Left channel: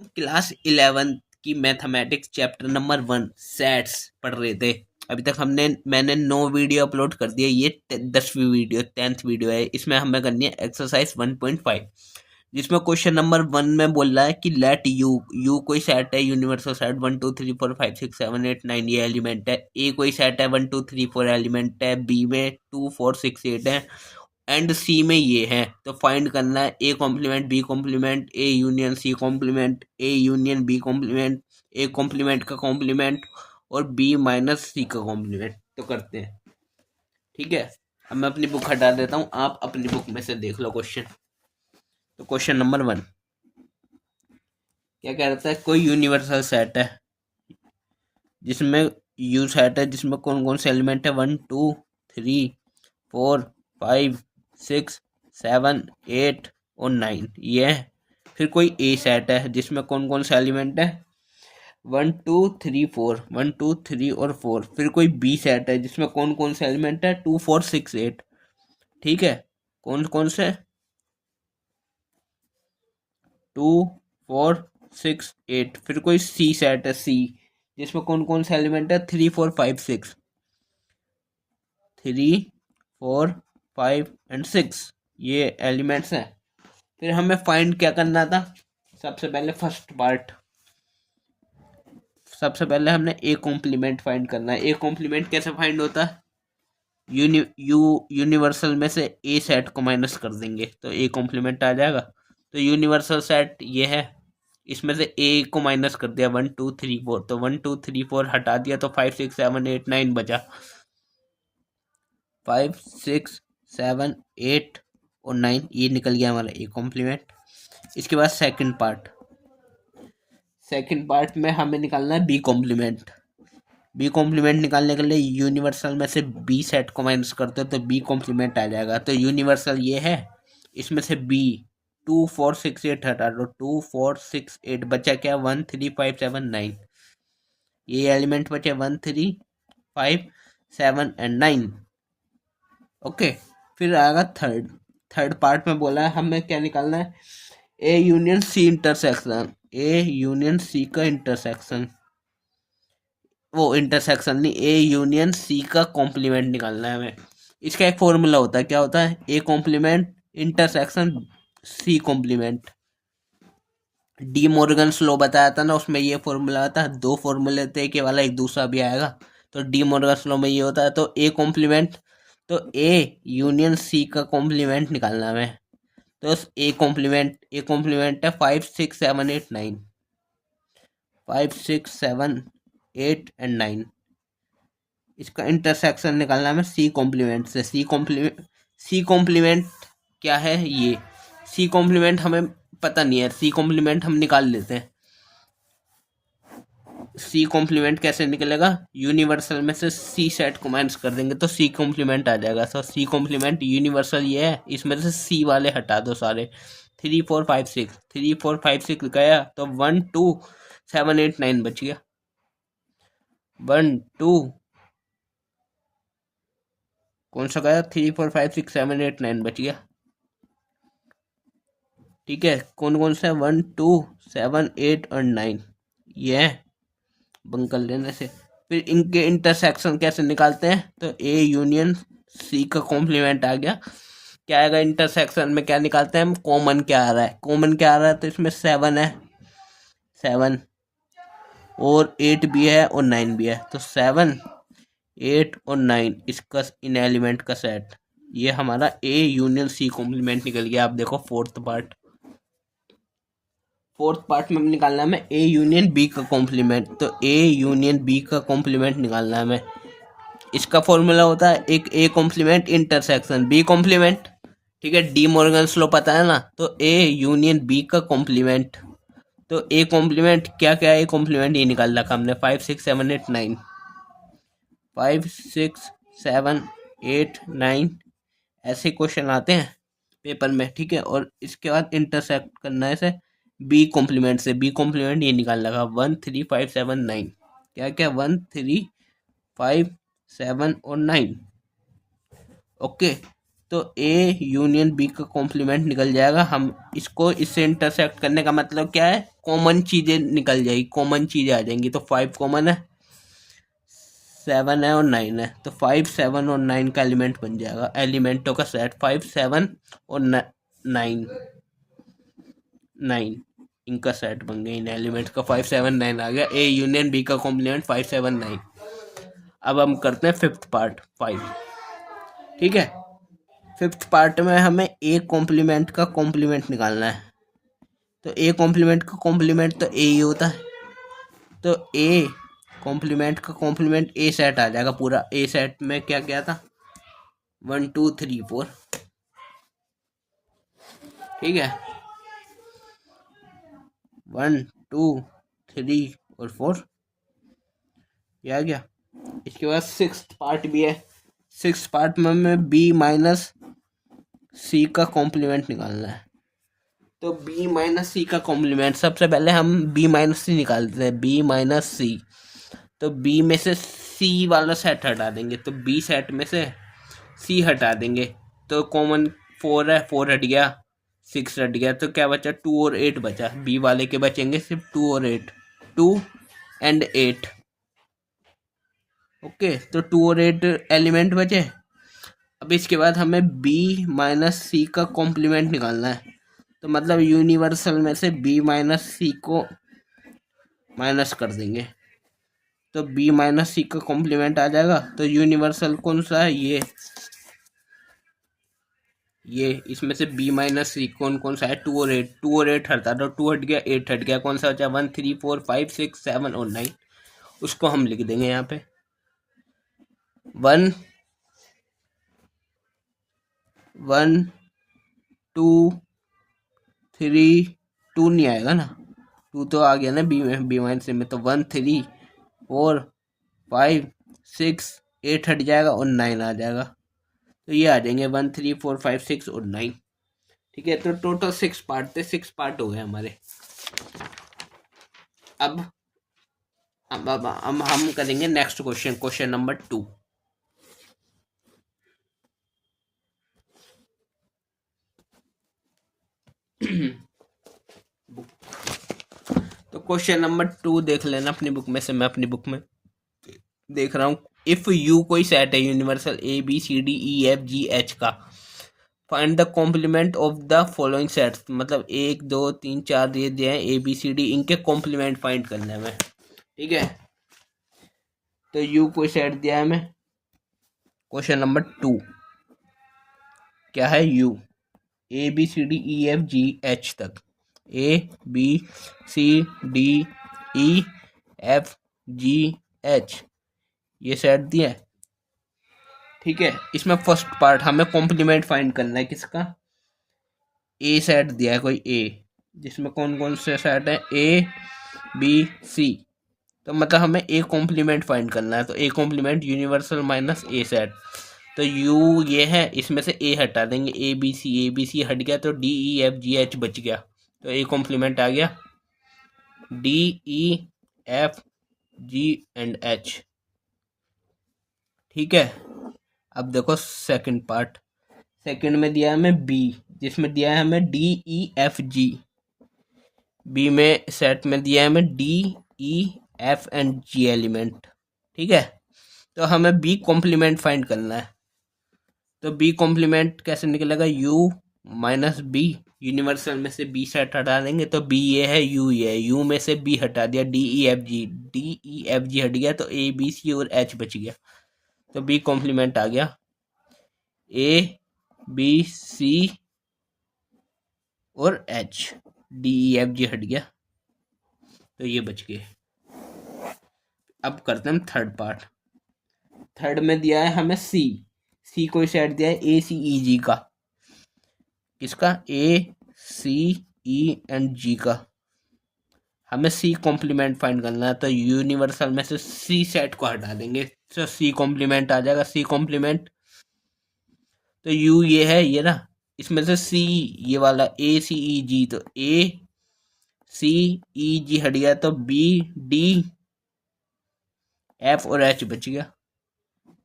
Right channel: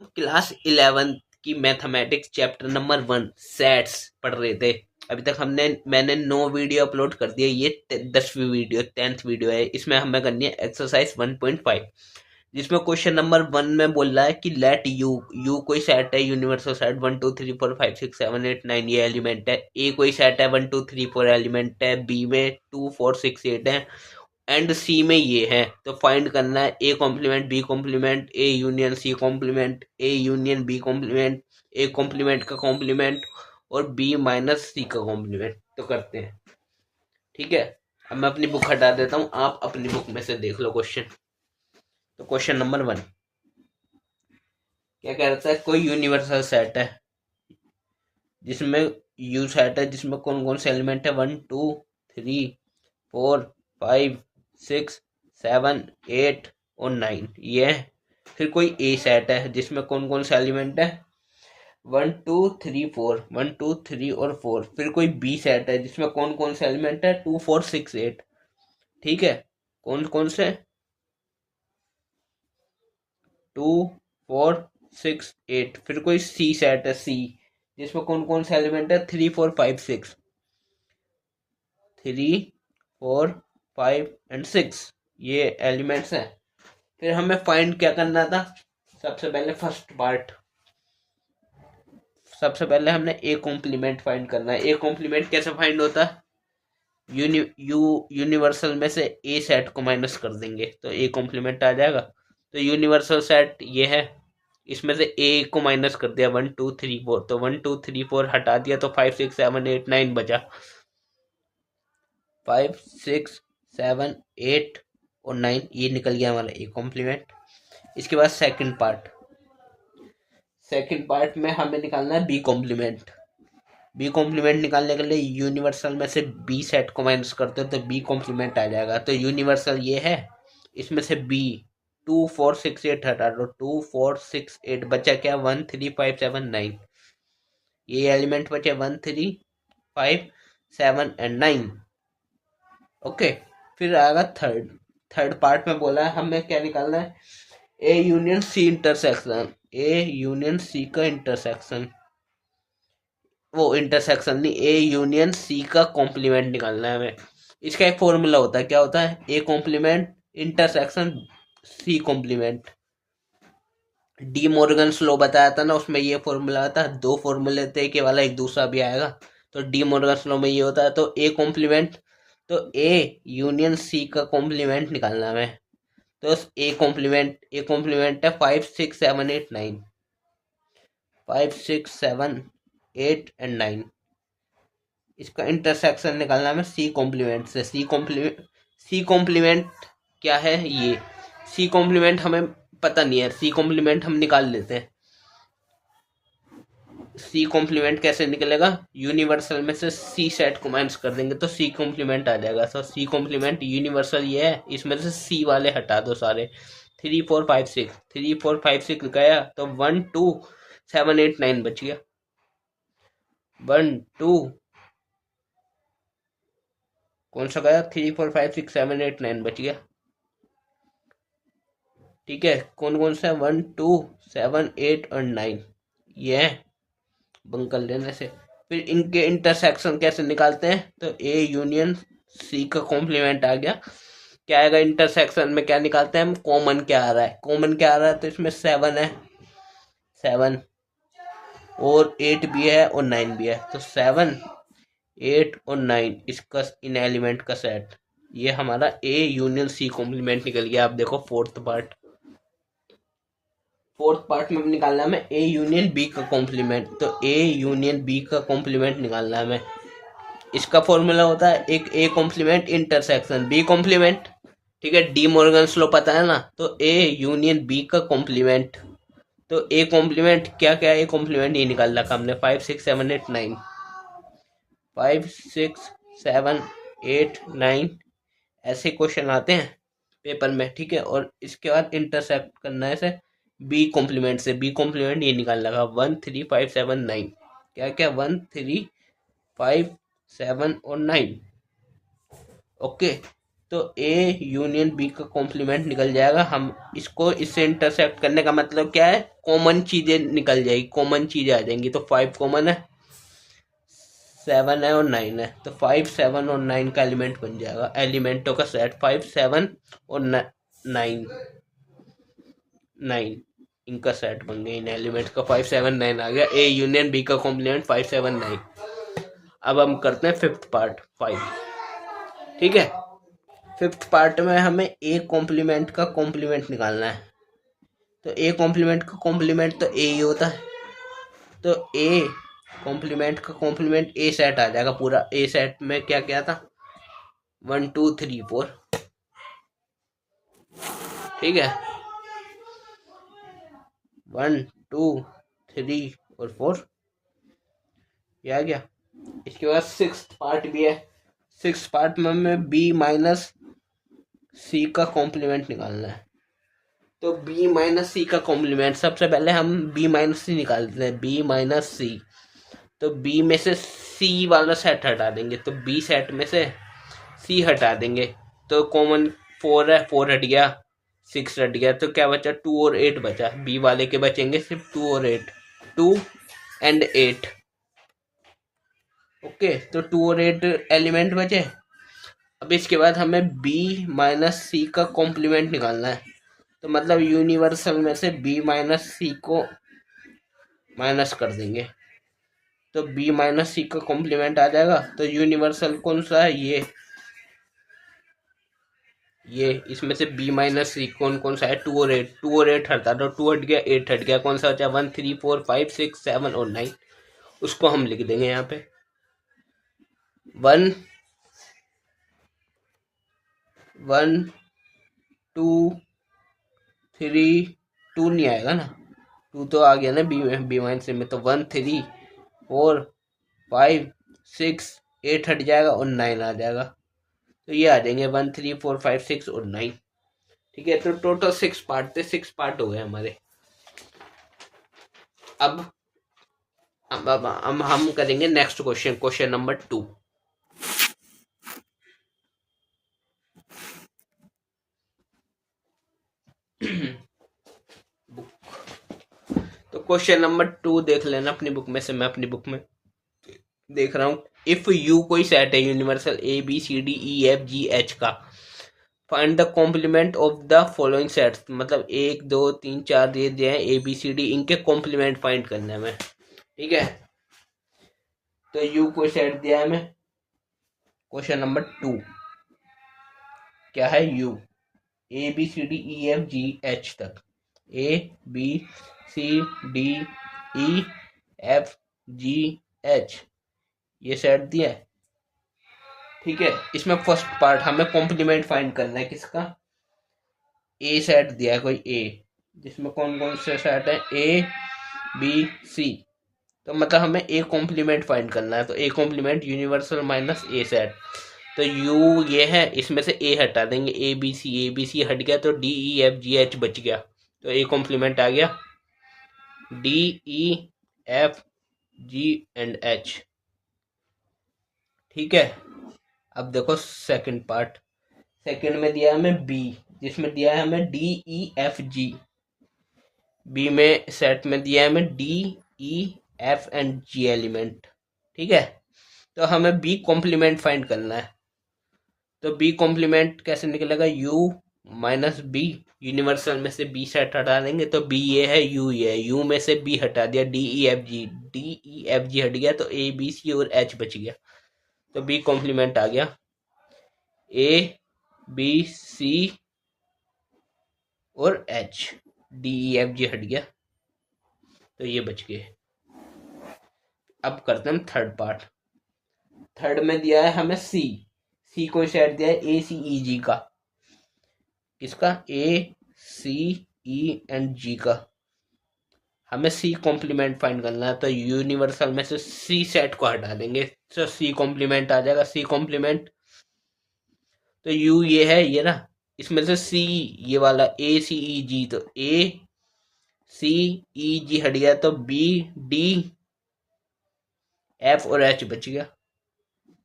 Class 11 की mathematics chapter number 1 sets पढ़ रहे थे। अभी तक मैंने 9 वीडियो अपलोड कर दिए। ये 10वीं वीडियो 10th वीडियो है। इसमें हमें करनी है एक्सरसाइज 1.5, जिसमें क्वेश्चन नंबर 1 में बोल रहा है कि लेट यू कोई सेट है, यूनिवर्सल सेट 1 2 3 4 5 6 7 8 9, ये एलिमेंट है। ए कोई सेट है 1 2 3 4 एलिमेंट है। बी में 2 4 6 8 है। एंड सी में ये है। तो फाइंड करना है A complement B complement, A union C complement, A union B complement, A complement का कॉम्प्लीमेंट और बी माइनस सी का कॉम्प्लीमेंट। तो करते हैं, ठीक है। अब मैं अपनी बुक हटा देता हूँ, आप अपनी बुक में से देख लो क्वेश्चन। तो क्वेश्चन नंबर 1 क्या कह रहा है? कोई यूनिवर्सल सेट है जिसमें यू सेट है जिसमें कौन कौन से एलिमेंट है 1 2 3 4 5 6 7 8 और 9, ये है। फिर कोई ए सेट है जिसमें कौन कौन से एलिमेंट है 1 2 3 4 1 2 3 और 4। फिर कोई बी सेट है जिसमें कौन कौन से एलिमेंट है 2 4 6 8, ठीक है। कौन कौन से 2 4 6 8। फिर कोई सी सेट है सी, जिसमें कौन कौन से एलिमेंट है 3 4 5 6, 3 4 5 एंड 6, ये एलिमेंट्स हैं। फिर हमें फाइंड क्या करना था? सबसे पहले फर्स्ट पार्ट, सबसे पहले हमने ए कॉम्प्लीमेंट फाइंड करना है। ए कॉम्प्लीमेंट कैसे फाइंड होता है? यूनिवर्सल में से ए सेट को माइनस कर देंगे तो ए कॉम्प्लीमेंट आ जाएगा। तो यूनिवर्सल सेट ये है, इसमें से ए को माइनस कर दिया 1 2 3 4, तो 1 2 3 4 हटा दिया तो 5 6 7 8 9 बचा। 5 6 7 8 और 9, ये निकल गया हमारा ए कॉम्प्लीमेंट। इसके बाद सेकंड पार्ट में हमें निकालना है बी कॉम्प्लीमेंट। बी कॉम्प्लीमेंट निकालने के लिए यूनिवर्सल में से बी सेट को माइनस करते हो तो बी कॉम्प्लीमेंट आ जाएगा। तो यूनिवर्सल ये है, इसमें से बी 2 4 6 8 हटा दो, 2 4 6 8 बचा क्या 1 3 5 7 9, ये एलिमेंट बचे 1 3 5 7 एंड 9। ओके। फिर आएगा थर्ड पार्ट में बोला है हमें क्या निकालना है, A union C intersection. A union C का इंटरसेक्शन, वो इंटरसेक्शन नहीं, ए यूनियन सी का कॉम्प्लीमेंट निकालना है हमें। इसका एक फॉर्मूला होता है, क्या होता है? A complement intersection C complement. De Morgan स्लो बताया था ना, उसमें ये फॉर्मूला आता है। 2 फॉर्मूले थे, एक ये वाला एक दूसरा भी आएगा। तो डी मॉर्गन स्लो में ये होता है। तो ए कॉम्प्लीमेंट, तो ए यूनियन सी का कॉम्प्लीमेंट निकालना है हमें। तो ए कॉम्प्लीमेंट है 5 6 7 8 9, 5 6 7 8 एंड 9। इसका इंटरसेक्शन निकालना हमें सी कॉम्प्लीमेंट से। सी कॉम्प्लीमेंट क्या है? ये सी कॉम्प्लीमेंट हमें पता नहीं है, सी कॉम्प्लीमेंट हम निकाल लेते हैं। सी कॉम्प्लीमेंट कैसे निकलेगा? यूनिवर्सल में से सी सेट को माइनस कर देंगे तो सी कॉम्प्लीमेंट आ जाएगा। तो सी कॉम्प्लीमेंट यूनिवर्सल ये है, इसमें से सी वाले हटा दो सारे। 3 4 5 6 गया तो 1 2 7 8 9 बच गया। 1 2 कौन सा गया? 3 4 5 6 7 8 9 बच गया, ठीक है। कौन कौन सा है? 1 2 7 8 और 9, ये है बंद कर लेने से। फिर इनके इंटरसेक्शन कैसे निकालते हैं? तो ए यूनियन सी का कॉम्प्लीमेंट आ गया। क्या आएगा इंटरसेक्शन में? क्या निकालते हैं हम? कॉमन क्या आ रहा है? कॉमन क्या आ रहा है? तो इसमें 7 है, 7 और 8 भी है और 9 भी है। तो 7 8 और 9 इसका इन एलिमेंट का सेट, ये हमारा ए यूनियन सी कॉम्प्लीमेंट निकल गया। आप देखो फोर्थ पार्ट में निकालना है हमें ए यूनियन बी का कॉम्प्लीमेंट। तो ए यूनियन बी का कॉम्प्लीमेंट निकालना है हमें। इसका फॉर्मूला होता है एक A complement intersection B complement, ठीक है। डी मॉर्गन लॉ पता है ना। तो ए यूनियन बी का कॉम्प्लीमेंट, तो ए कॉम्प्लीमेंट क्या क्या ए कॉम्प्लीमेंट ये निकाल रखा हमने 5 6 7 8 9, 5 6 7 8 9 ऐसे क्वेश्चन आते हैं पेपर में, ठीक है। और इसके बाद इंटरसेक्ट करना है इसे बी कॉम्प्लीमेंट से। बी कॉम्प्लीमेंट ये निकाल लगा 1 3 5 7 9, क्या क्या 1 3 5 7 और 9, ओके। तो ए यूनियन बी का कॉम्प्लीमेंट निकल जाएगा। हम इसको इससे इंटरसेक्ट करने का मतलब क्या है, कॉमन चीजें निकल जाएगी, कॉमन चीजें आ जाएंगी। तो 5 कॉमन है, 7 है और 9 है, तो 5 7 और 9 का एलिमेंट बन जाएगा। एलिमेंटों का सेट 5 7 और 9 9 इनका सेट बन गया। इन एलिमेंट का 5 7 9 आ गया। ए यूनियन बी का कॉम्प्लीमेंट 5 7 9। अब हम करते हैं फिफ्थ पार्ट 5। ठीक है, फिफ्थ पार्ट में हमें ए कॉम्प्लीमेंट का कॉम्प्लीमेंट निकालना है। तो ए कॉम्प्लीमेंट का कॉम्प्लीमेंट तो ए ही होता है। तो ए कॉम्प्लीमेंट का कॉम्प्लीमेंट ए सेट आ जाएगा पूरा। ए सेट में क्या क्या था, 1 2 3 4। ठीक है, 1 2 3 और 4 ये आ गया। इसके बाद सिक्स्थ पार्ट भी है। सिक्स्थ पार्ट में हमें बी माइनस सी का कॉम्प्लीमेंट निकालना है। तो बी माइनस सी का कॉम्प्लीमेंट, सबसे पहले हम बी माइनस सी निकालते हैं। बी माइनस सी, तो बी में से सी वाला सेट हटा देंगे, तो बी सेट में से सी हटा देंगे। तो कॉमन 4 है, 4 हट गया, 6 हट गया, तो क्या बचा, 2 और 8 बचा। बी वाले के बचेंगे सिर्फ 2 और 8, 2 एंड 8। ओके, तो 2 और 8 एलिमेंट बचे। अब इसके बाद हमें बी माइनस सी का कॉम्प्लीमेंट निकालना है। तो मतलब यूनिवर्सल में से बी माइनस सी को माइनस कर देंगे, तो बी माइनस सी का कॉम्प्लीमेंट आ जाएगा। तो यूनिवर्सल कौन सा है, ये इसमें से बी माइनस सी कौन कौन सा है, 2 और 8। 2 और 8 हटा दो, 2 हट गया, 8 हट गया, कौन सा बचा, 1 3 4 5 6 7 और 9। उसको हम लिख देंगे यहाँ पे 1 1 2 3 2 नहीं आएगा ना, 2 तो आ गया ना बी माइनस सी में। तो 1 3 4 5 6 8 हट जाएगा और 9 आ जाएगा। तो ये आ जाएंगे 1 3 4 5 6 और 9। ठीक है, तो टोटल 6 पार्ट थे, 6 पार्ट हो गए हमारे। अब अब हम करेंगे नेक्स्ट क्वेश्चन, क्वेश्चन नंबर 2। तो क्वेश्चन नंबर 2 देख लेना अपनी बुक में से, मैं अपनी बुक में देख रहा हूँ। इफ यू कोई सेट है universal A B C D E F G H का, find the complement of the following sets. मतलब 1 2 3 4 दिए हैं ए बी सी डी, इनके कॉम्प्लीमेंट फाइंड करना है हमें। ठीक है, तो यू कोई सेट दिया है हमें। क्वेश्चन नंबर 2 क्या है, U A B C D E F G H तक, A B C D E F G H ये सेट दिया है। ठीक है, इसमें फर्स्ट पार्ट हमें कॉम्प्लीमेंट फाइंड करना है किसका, ए सेट दिया है कोई ए, जिसमें कौन कौन से सेट है, ए बी सी। तो मतलब हमें ए कॉम्प्लीमेंट फाइंड करना है। तो A complement universal minus A set. तो यू ये है, इसमें से ए हटा देंगे, ए बी सी हट गया, तो D E F G H बच गया। तो ए कॉम्प्लीमेंट आ गया, D E F ji and H. ठीक है, अब देखो सेकंड पार्ट। सेकंड में दिया है हमें बी, जिसमें दिया है हमें D E F G. B में सेट में दिया है हमें D E F and G element. ठीक है, तो हमें बी कॉम्प्लीमेंट फाइंड करना है। तो बी कॉम्प्लीमेंट कैसे निकलेगा, यू माइनस बी, यूनिवर्सल में से बी सेट हटा देंगे, तो बी ये है, यू ये है, यू में से बी हटा दिया, डी ई एफ जी, डी ई एफ जी हट गया, तो ए बी सी और एच बच गया। तो बी कॉम्प्लीमेंट आ गया, ए बी सी और एच, डी ई एफ जी हट गया, तो ये बच गए। अब करते हैं थर्ड पार्ट। थर्ड में दिया है हमें सी, सी को सेट दिया है ए सी ई जी का, किसका, ए सी ई एंड जी का। हमें सी कॉम्प्लीमेंट फाइंड करना है, तो यूनिवर्सल में से सी सेट को हटा देंगे, तो सी कॉम्प्लीमेंट आ जाएगा। सी कॉम्प्लीमेंट, तो यू ये है ये ना, इसमें से सी ये वाला ए सी ई जी, तो ए सी ई जी हट गया, तो बी डी एफ और एच बच गया,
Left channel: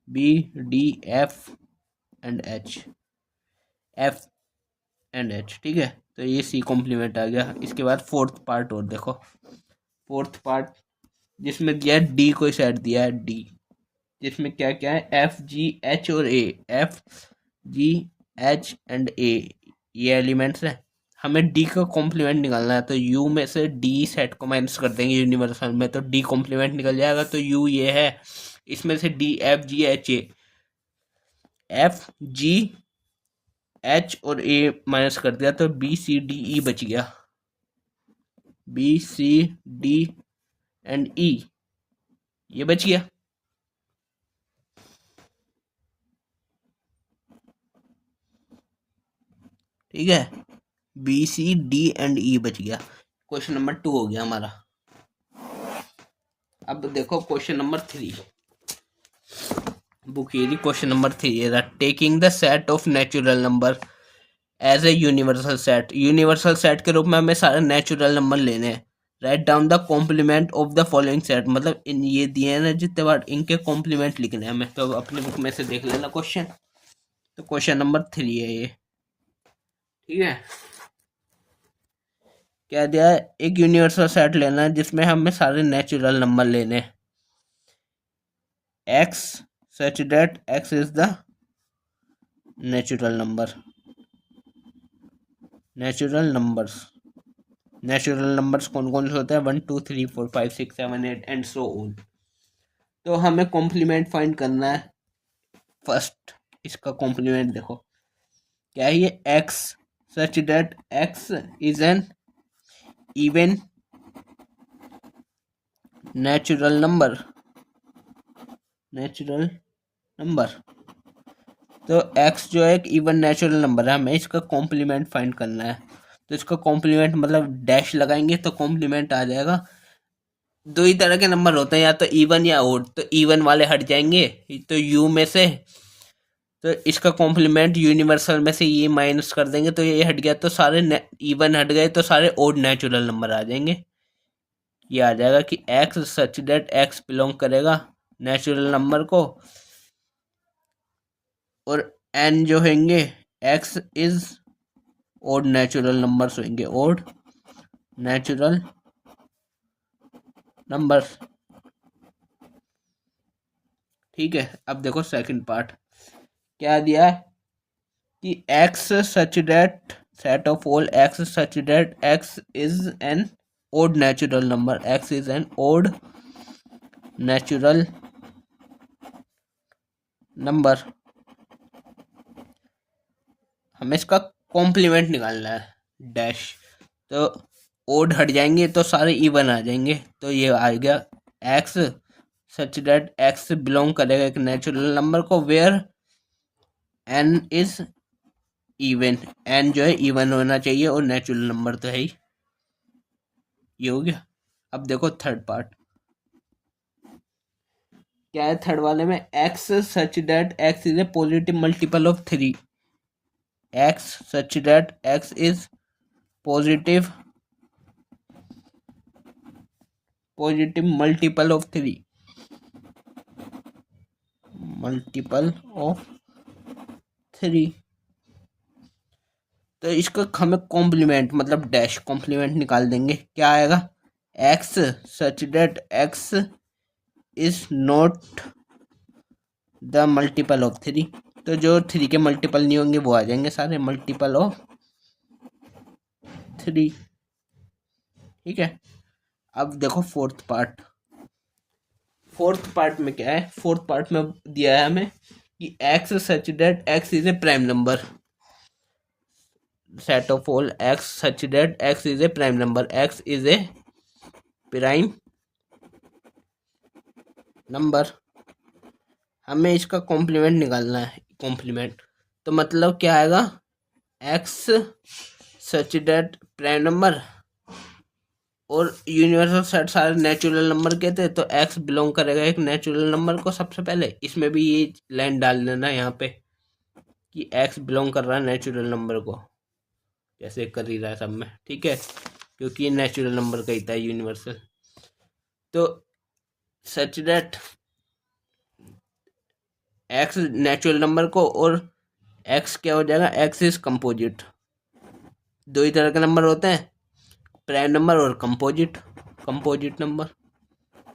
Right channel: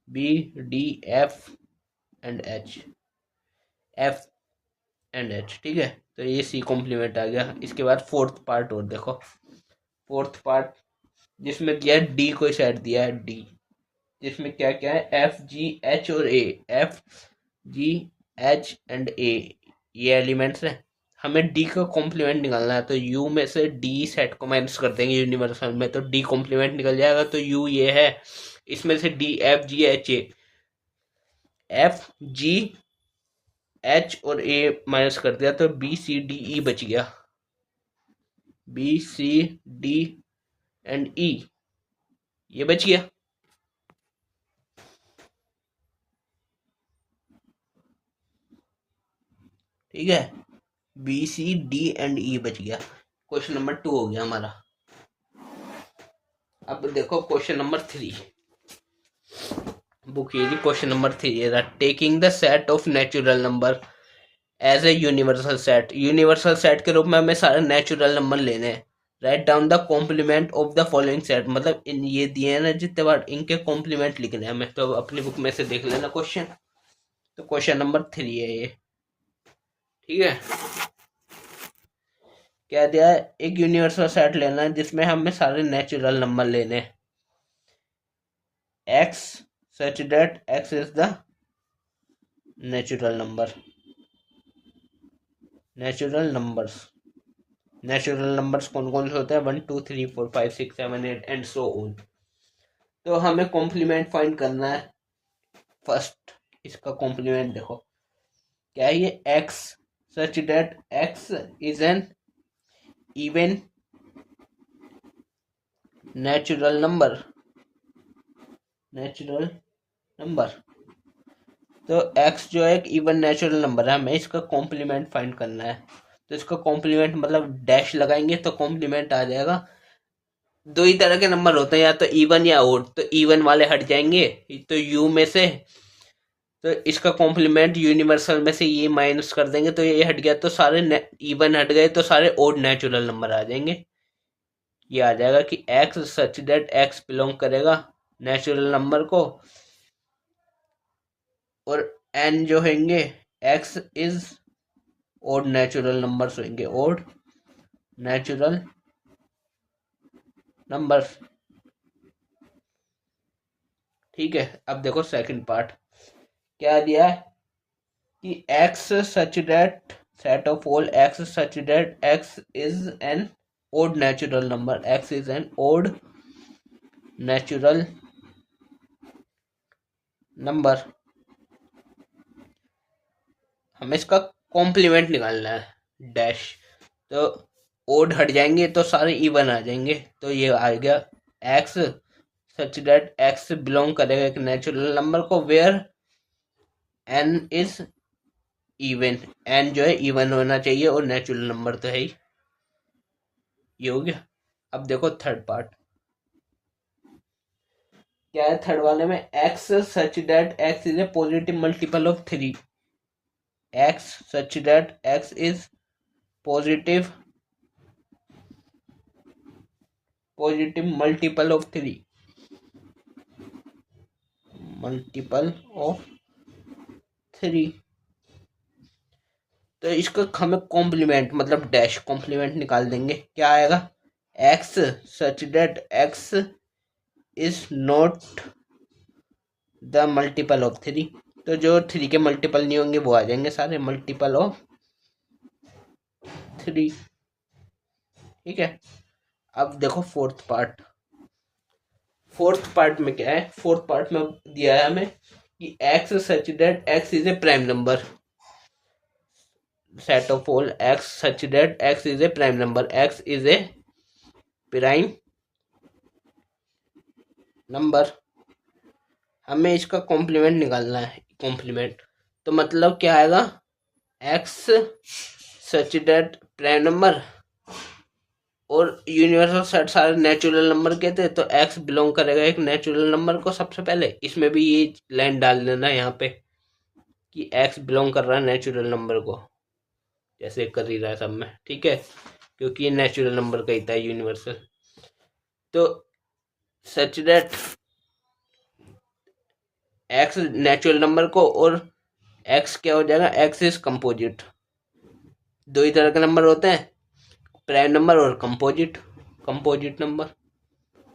B D F and H. F and H, ठीक है। तो ये सी कॉम्प्लीमेंट आ गया। इसके बाद फोर्थ पार्ट और देखो, फोर्थ पार्ट जिसमें दिया है डी को सेट दिया है डी, जिसमें क्या क्या है, एफ जी एच और ए, एफ जी एच एंड ए, ये एलिमेंट्स हैं। हमें डी का कॉम्प्लीमेंट निकालना है, तो यू में से डी सेट को माइनस कर देंगे यूनिवर्सल में, तो डी कॉम्प्लीमेंट निकल जाएगा। तो यू ये है, इसमें से D F G H A, F G H और ए माइनस कर दिया, तो बी सी डी ई बच गया, बी सी डी एंड ई, ये बच गया, ठीक है। बी सी डी एंड ई बच गया। क्वेश्चन नंबर 2 हो गया हमारा। अब देखो क्वेश्चन नंबर 3, बुक ये क्वेश्चन नंबर 3 ये रहा, taking the set of natural number as a universal set, universal set के रूप में हमें सारे नेचुरल नंबर लेने हैं। Write down the complement of the following set, मतलब इन ये दिए हैं ना जितने बार, इनके कॉम्प्लीमेंट लिखने हैं हमें। तो अपनी बुक में से देख लेना क्वेश्चन। तो क्वेश्चन नंबर 3 है ये, ठीक है। क्या दिया है, एक यूनिवर्सल सेट लेना है जिसमें हमें सारे नेचुरल नंबर लेने हैं, x such that x is the natural number, natural numbers, natural numbers कौन कौन से होते हैं, 1 2 3 4 5 6 7 8 एंड सो ऑन। तो हमें कॉम्प्लीमेंट फाइंड करना है। फर्स्ट इसका कॉम्प्लीमेंट देखो क्या है, ये x such that x is N even natural number, natural number. तो x जो है एक इवन नेचुरल नंबर है, हमें इसका कॉम्प्लीमेंट फाइंड करना है। तो इसका कॉम्प्लीमेंट मतलब डैश लगाएंगे तो कॉम्प्लीमेंट आ जाएगा। दो ही तरह के नंबर होते हैं, या तो इवन या ओड, तो इवन वाले हट जाएंगे तो यू में से, तो इसका कॉम्प्लीमेंट यूनिवर्सल में से ये माइनस कर देंगे तो ये हट गया, तो सारे इवन हट गए तो सारे ओड नेचुरल नंबर आ जाएंगे। ये आ जाएगा कि x such that x belong करेगा नेचुरल नंबर को, और एन जो होंगे x is odd natural numbers होंगे, ओड नेचुरल नंबर्स, ठीक है। अब देखो सेकंड पार्ट क्या दिया है कि x such that set of all x such that x is an odd natural number, x is an odd natural number. हमें इसका कॉम्प्लीमेंट निकालना है डैश, तो ओड हट जाएंगे तो सारे इवन आ जाएंगे। तो ये आ गया x such that x belong करेगा एक नेचुरल नंबर को where n is even, n जो है इवन होना चाहिए और नेचुरल नंबर तो है ही। ये हो गया। अब देखो थर्ड पार्ट क्या है, थर्ड वाले में x such that x is A positive multiple of 3, x such that x is positive multiple of 3, multiple of 3। तो इसको हमें कॉम्प्लीमेंट मतलब डैश कॉम्प्लीमेंट निकाल देंगे। क्या आएगा, x such that x is not the multiple of 3, तो जो 3 के मल्टीपल नहीं होंगे वो आ जाएंगे सारे मल्टीपल ऑफ 3, ठीक है। अब देखो फोर्थ पार्ट, फोर्थ पार्ट में क्या है, फोर्थ पार्ट में दिया है हमें कि x such that x is A prime number, set of all x such that x is a prime number, x is a prime number। हमें इसका कॉम्प्लीमेंट निकालना है, कॉम्प्लीमेंट तो मतलब क्या आएगा, x such that prime number और universal set सारे नेचुरल नंबर के थे, तो x बिलोंग करेगा एक नेचुरल नंबर को। सबसे पहले इसमें भी ये लाइन डाल देना यहाँ पे कि x बिलोंग कर रहा है नेचुरल नंबर को, जैसे कर ही रहा सब में, ठीक है, क्योंकि ये नेचुरल नंबर का ही था यूनिवर्सल। तो सच दैट एक्स नेचुरल नंबर को और एक्स क्या हो जाएगा, एक्स इज कंपोजिट। दो ही तरह के नंबर होते हैं, प्राइम नंबर और कंपोजिट, कंपोजिट नंबर।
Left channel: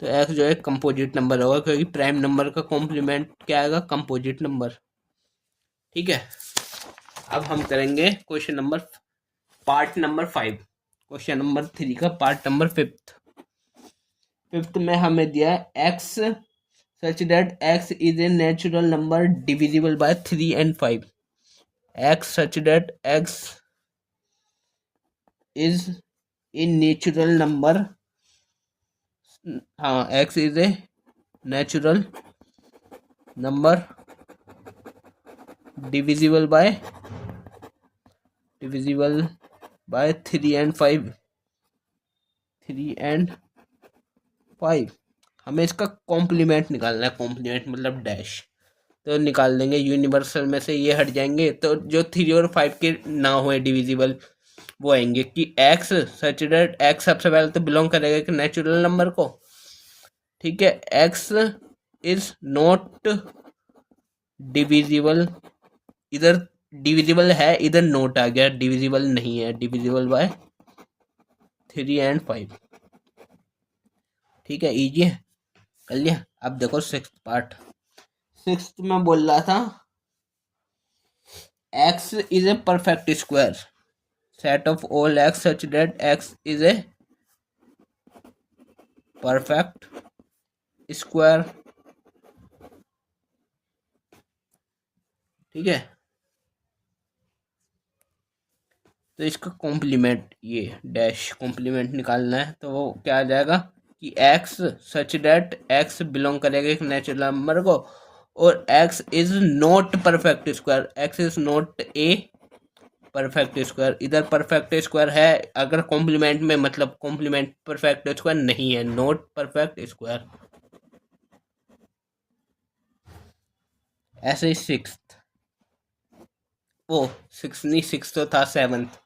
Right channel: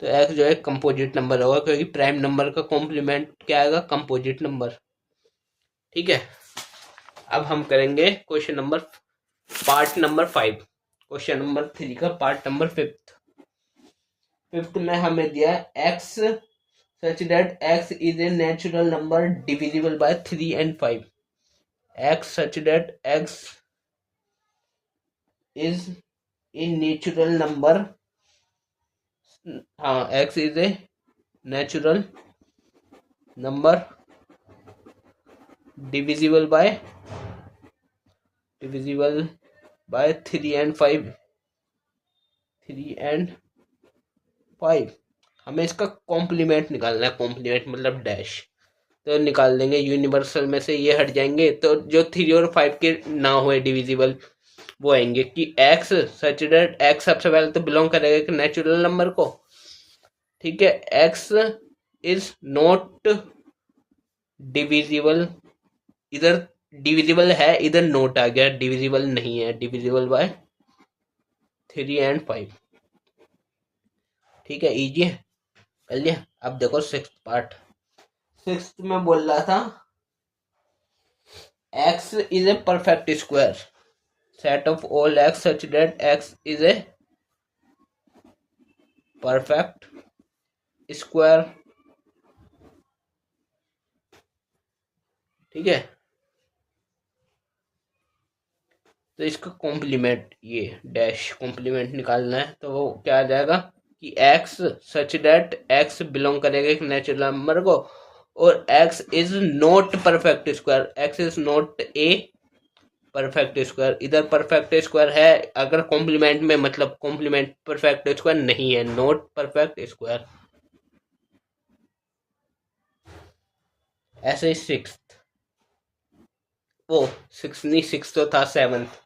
तो एक्स जो है कंपोजिट नंबर होगा, क्योंकि प्राइम नंबर का कॉम्प्लीमेंट क्या आएगा, कंपोजिट नंबर। ठीक है, अब हम करेंगे question number part number 5, question number 3 का पार्ट नंबर 5th में हमें दिया है x such that x is a natural number divisible by 3 and 5। X such that x is a natural number, हाँ x is a natural number divisible by 3 and 5, 3 and 5। हमें इसका complement निकालना है, complement मतलब डैश। तो निकाल देंगे, universal में से ये हट जाएंगे, तो जो 3 और 5 के ना हुए डिविजिबल वो आएंगे कि एक्स सच दैट एक्स सबसे पहले तो बिलोंग करेगा एक नेचुरल नंबर को। ठीक है, एक्स इज नॉट डिविजिबल, इधर डिविजिबल है, इधर नोट आ गया, डिविजिबल नहीं है, डिविजिबल बाय 3 and 5। ठीक है, इजी है, कर लिया। अब देखो 6th पार्ट। 6th में बोल रहा था x is a perfect square, set of all x such that x is a perfect square। ठीक है, तो इसका कॉम्प्लीमेंट, ये डैश कॉम्प्लीमेंट निकालना है, तो वो क्या आ जाएगा कि x such that x belong करेगा एक नेचुरल नंबर को, और x is not perfect square, x is not a perfect square. इधर परफेक्ट स्क्वायर है, अगर कॉम्प्लीमेंट में मतलब कॉम्प्लीमेंट परफेक्ट स्क्वायर नहीं है, नॉट परफेक्ट स्क्वायर। ऐसे ही 6th, वो 6 नहीं, 6 तो था 7th,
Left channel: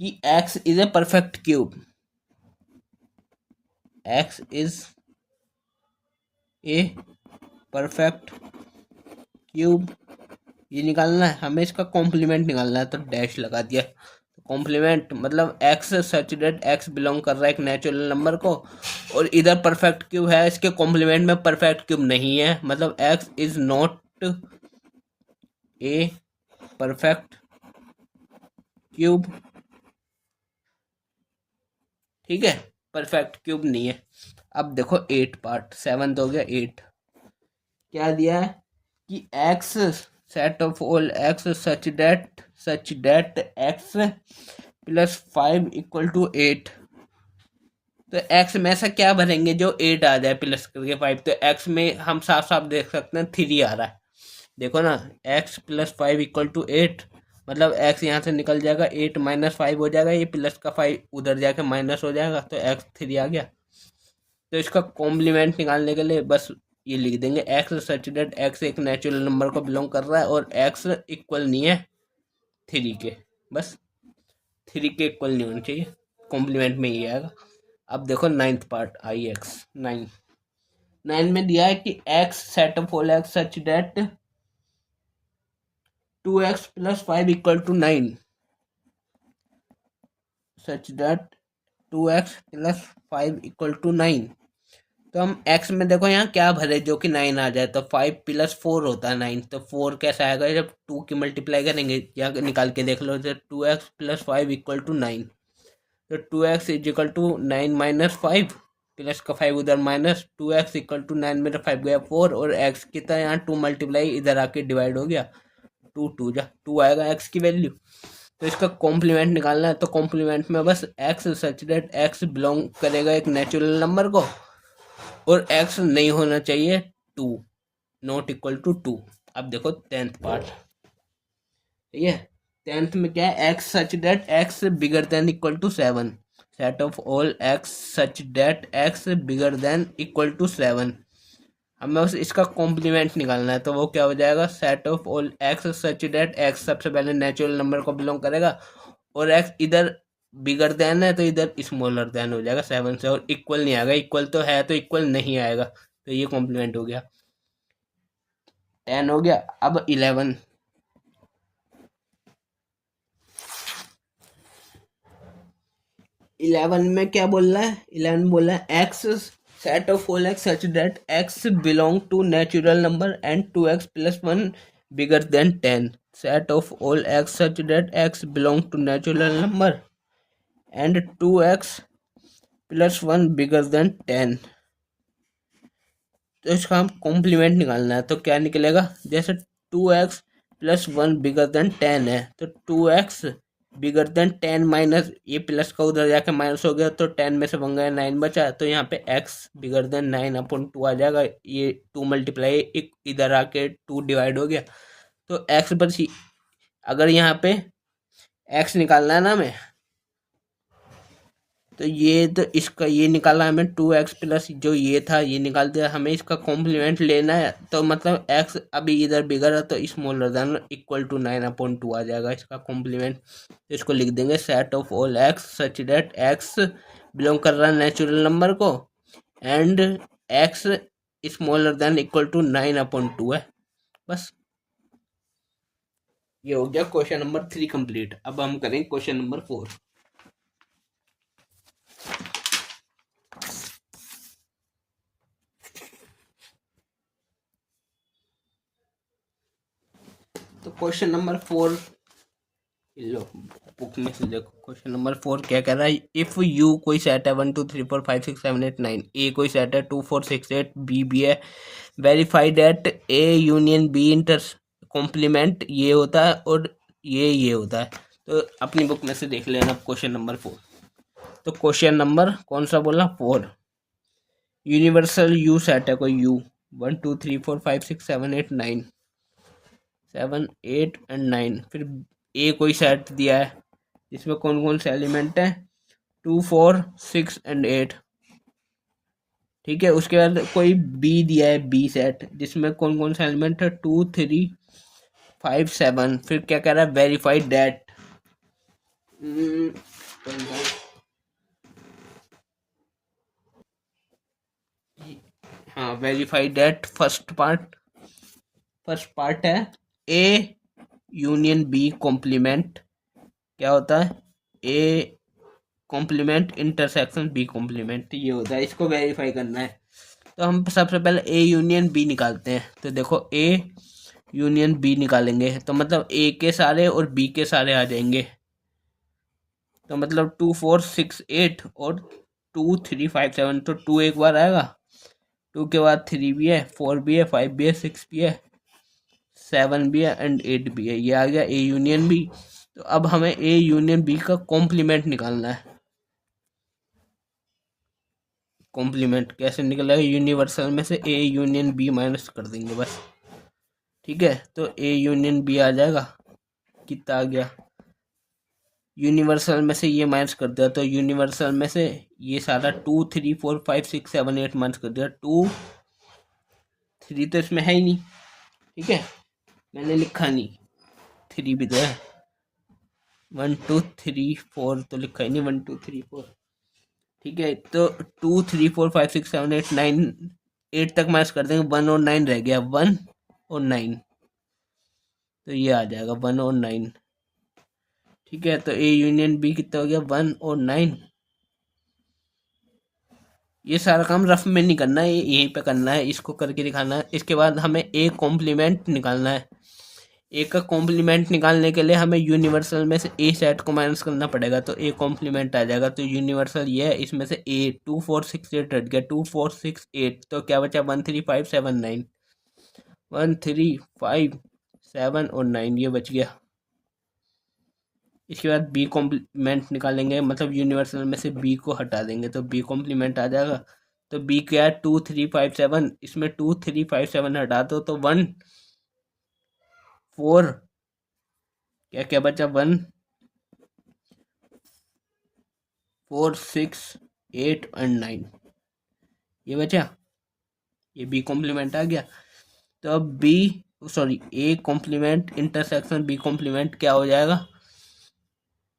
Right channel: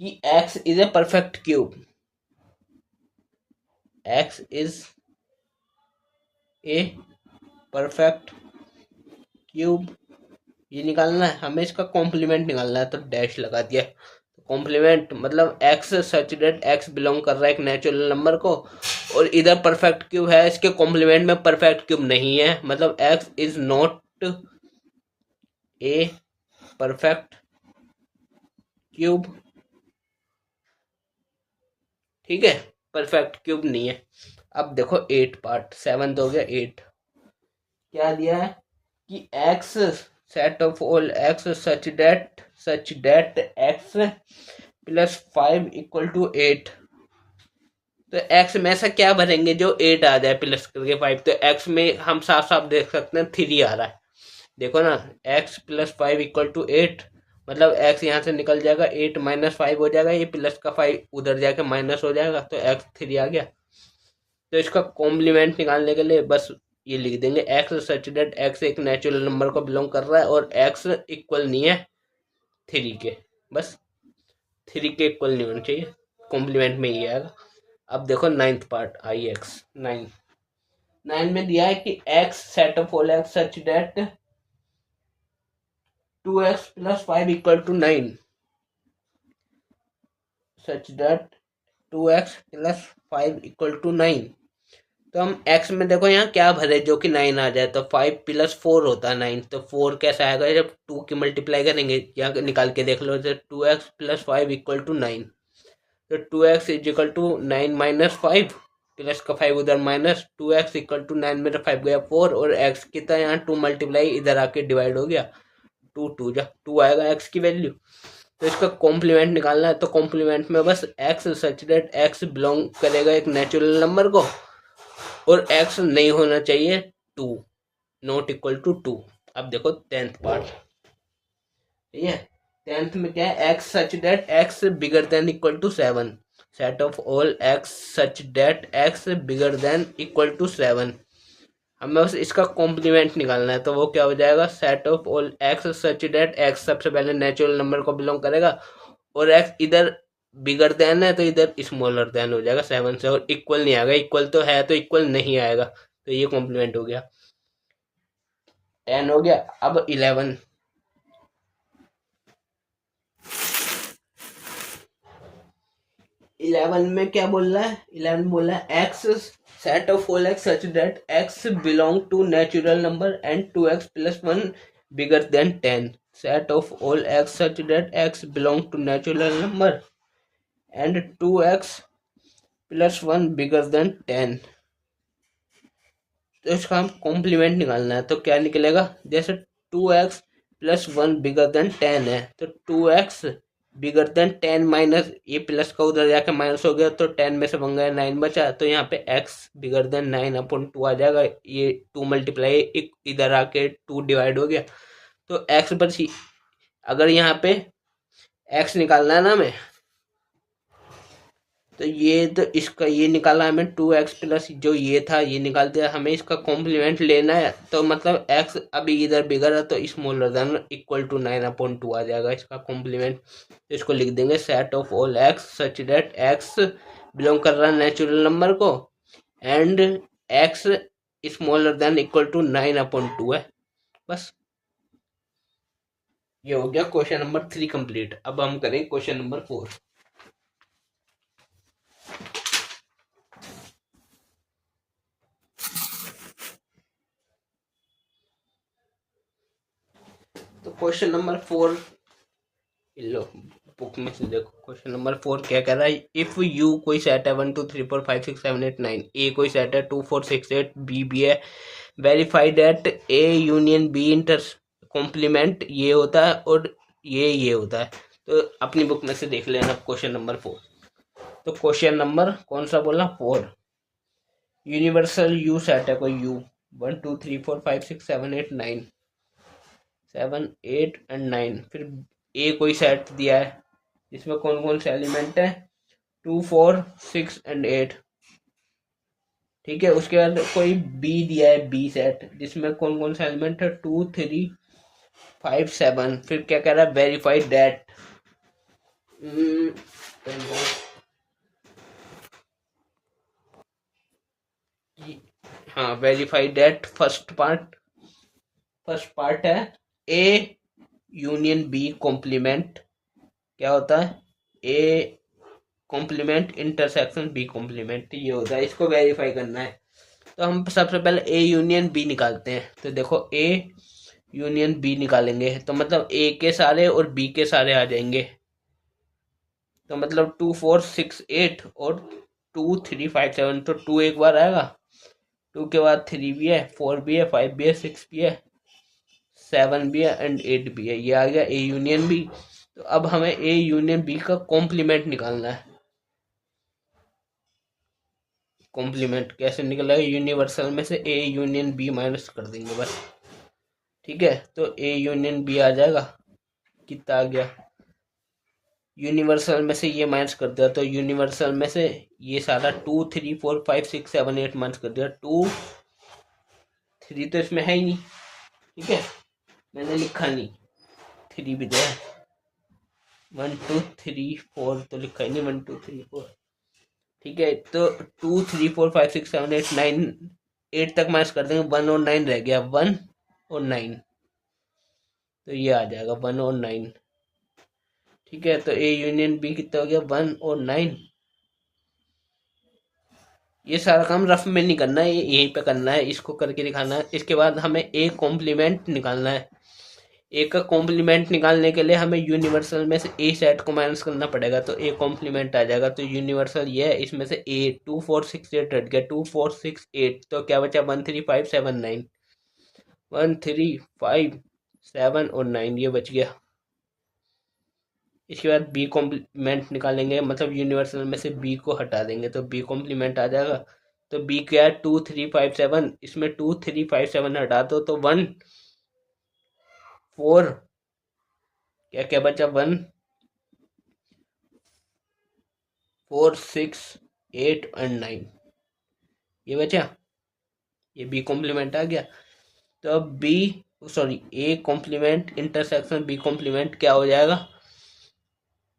कि x is a perfect cube, x is a perfect cube. ये निकालना है हमें, इसका कॉम्प्लीमेंट निकालना है, तो डैश लगा दिया। कॉम्प्लीमेंट मतलब x such that x belong कर रहा है एक नेचुरल नंबर को, और इधर परफेक्ट क्यूब है, इसके कॉम्प्लीमेंट में परफेक्ट क्यूब नहीं है, मतलब x is not a perfect cube. ठीक है, परफेक्ट क्यूब नहीं है। अब देखो 8 पार्ट, 7th हो गया, 8 क्या दिया है कि x set of all x such that x plus 5 equal to 8। तो एक्स में ऐसा क्या भरेंगे जो 8 आ जाए प्लस करके 5, तो एक्स में हम साफ साफ देख सकते हैं 3 आ रहा है, देखो ना, एक्स प्लस 5 इक्वल टू 8, मतलब एक्स यहाँ से निकल जाएगा, 8 माइनस 5 हो जाएगा, ये प्लस का 5 उधर जाके माइनस हो जाएगा, तो एक्स 3 आ गया। तो इसका कॉम्प्लीमेंट निकालने के लिए बस ये लिख देंगे, एक्स सच दैट एक्स एक नेचुरल नंबर को बिलोंग कर रहा है और एक्स इक्वल नहीं है 3 के, बस 3 के इक्वल नहीं होना चाहिए, कॉम्प्लीमेंट में ही आएगा। अब देखो 9th पार्ट, आई एक्स 9 में दिया है कि x set of all x such that 2x plus 5 equal to 9, such that 2x plus 5 equal to 9। तो हम x में देखो यहाँ क्या भरे जो कि 9 आ जाए, तो 5 प्लस 4 होता है 9, तो 4 कैसा आएगा जब 2 की मल्टीप्लाई करेंगे, यहाँ निकाल के देख लो, तो 2x प्लस 5 इक्वल टू 9, तो 2x is equal to 9 minus 5, plus का 5 उधर माइनस, 2x इक्वल टू 9 में 5 गया 4, और x की तरह यहाँ 2 मल्टीप्लाई इधर आके डिवाइड हो गया, 2 आएगा x की वैल्यू। तो इसका कॉम्प्लीमेंट निकालना है, तो कॉम्प्लीमेंट में बस x such that x belong करेगा एक नेचुरल नंबर को, और x नहीं होना चाहिए 2, नॉट इक्वल टू 2। अब देखो 10th पार्ट, ठीक है, 10th में क्या है, x such that x bigger than equal to 7, set of all x such that x bigger than equal to 7। हमें बस इसका कॉम्प्लीमेंट निकालना है, तो वो क्या हो जाएगा, set of all x such that x सबसे पहले नेचुरल नंबर को बिलोंग करेगा, और एक्स इधर बिगर देन है तो इधर स्मॉलर देन हो जाएगा 7 से, और इक्वल नहीं आएगा, इक्वल तो है तो इक्वल नहीं आएगा, तो ये कॉम्प्लीमेंट हो गया। 10 हो गया। अब 11, 11 में क्या बोल रहा है, 11 बोल रहा है x set of all x such that x belong to natural number and 2x plus 1 bigger than 10, set of all x such that x belong to natural number and 2x plus 1 bigger than 10। तो इसका हम complement निकालना है, तो क्या निकलेगा, जैसे 2x plus 1 bigger than 10 है, तो 2x बिगर देन 10 माइनस ये प्लस का उधर जाके माइनस हो गया, तो 10 में से 1 गया 9 बचा, तो यहाँ पे x बिगर देन 9/2 आ जाएगा। ये 2 मल्टीप्लाई इधर आके 2 डिवाइड हो गया, तो x बची। अगर यहाँ पे x निकालना है ना हमें, तो ये तो इसका ये निकाला हमें 2x प्लस जो ये था ये निकाल दिया, हमें इसका कॉम्प्लीमेंट लेना है, तो मतलब x अभी इधर बिगड़ है, तो स्मॉलर देन इक्वल टू 9/2 आ जाएगा इसका कॉम्प्लीमेंट। तो इसको लिख देंगे set of all x such that x belong कर रहा है नेचुरल नंबर को and x smaller than equal to 9/2 है। बस ये हो गया क्वेश्चन नंबर 3 कंप्लीट। अब हम करेंगे क्वेश्चन नंबर 4। तो क्वेश्चन नंबर 4 लो बुक में से देखो, क्वेश्चन नंबर 4 क्या कह रहा है, इफ यू कोई सेट है 1 2 3 4 5 6 7 8 9, ए कोई सेट है 2 4 6 8, बी भी है, verify that A union B inter complement ये होता है और ये होता है। तो अपनी बुक में से देख लेना क्वेश्चन नंबर 4। तो क्वेश्चन नंबर कौन सा बोला, 4। यूनिवर्सल यू सेट है कोई यू 1 2 3 4 5 6 7 8 9, 7 8 एंड 9, फिर ए कोई सेट दिया है जिसमें कौन कौन से एलिमेंट है 2 4 6 एंड 8। ठीक है, उसके बाद कोई बी दिया है बी सेट जिसमें कौन कौन से एलिमेंट है 2 3 5 7, फिर क्या कह रहा है वेरीफाई दैट, हाँ वेरीफाई दैट फर्स्ट पार्ट है ए यूनियन बी कॉम्प्लीमेंट क्या होता है, A complement intersection B complement ये होता है, इसको वेरीफाई करना है। तो हम सबसे पहले ए यूनियन बी निकालते हैं। तो देखो ए यूनियन बी निकालेंगे तो मतलब ए के सारे और बी के सारे आ जाएंगे, तो मतलब 2 4 6 8 और 2 3 5 7, तो 2 एक बार आएगा, 2 के बाद 3 भी है, 4 भी है, 5 भी है, 6 भी है, 7 भी है एंड 8 भी है, ये आ गया ए यूनियन बी। तो अब हमें ए यूनियन बी का कॉम्प्लीमेंट निकालना है। कॉम्प्लीमेंट कैसे निकलेगा, यूनिवर्सल में से ए यूनियन बी माइनस कर देंगे बस। ठीक है, तो ए यूनियन बी आ जाएगा, कितना आ गया, यूनिवर्सल में से ये माइनस कर दिया, तो यूनिवर्सल में से ये सारा 2 3 4 5 6 7 8 माइनस कर दिया, 2 3 तो इसमें है ही नहीं। ठीक है, मैंने लिखा नहीं, 3 भी तो है, 1 2 3 4 तो लिखा ही नहीं, 1 2 3 4। ठीक है, तो 2 3 4 5 6 7 8 9 8 तक माइनस कर देंगे, 1 और 9 रह गया, 1 और 9, तो ये आ जाएगा 1 और 9। ठीक है, तो ए यूनियन बी कितना हो गया, 1 और 9। ये सारा काम रफ में नहीं करना है, ये यहीं पे करना है, इसको करके दिखाना है। इसके बाद हमें ए कॉम्प्लीमेंट निकालना है। ए का कॉम्प्लीमेंट निकालने के लिए हमें यूनिवर्सल में से ए सेट को माइनस करना पड़ेगा, तो ए कॉम्प्लीमेंट आ जाएगा। तो यूनिवर्सल ये है, इसमें से ए 2 4 6 8 हट गया, 2 4 6 8, तो क्या बचा 1 3 5 7 9, 1 3 5 7 और 9 ये बच गया। इसके बाद बी कॉम्प्लीमेंट निकालेंगे, मतलब यूनिवर्सल में से बी को हटा देंगे, तो बी कॉम्प्लीमेंट आ जाएगा। तो बी क्या है 2 3 5 7, इसमें 2 3 5 7 हटा दो तो 1 4, क्या क्या बचा 1 4 6 8 एंड 9 ये बचा, ये बी कॉम्प्लीमेंट आ गया। तो अब B sorry A complement intersection B complement क्या हो जाएगा,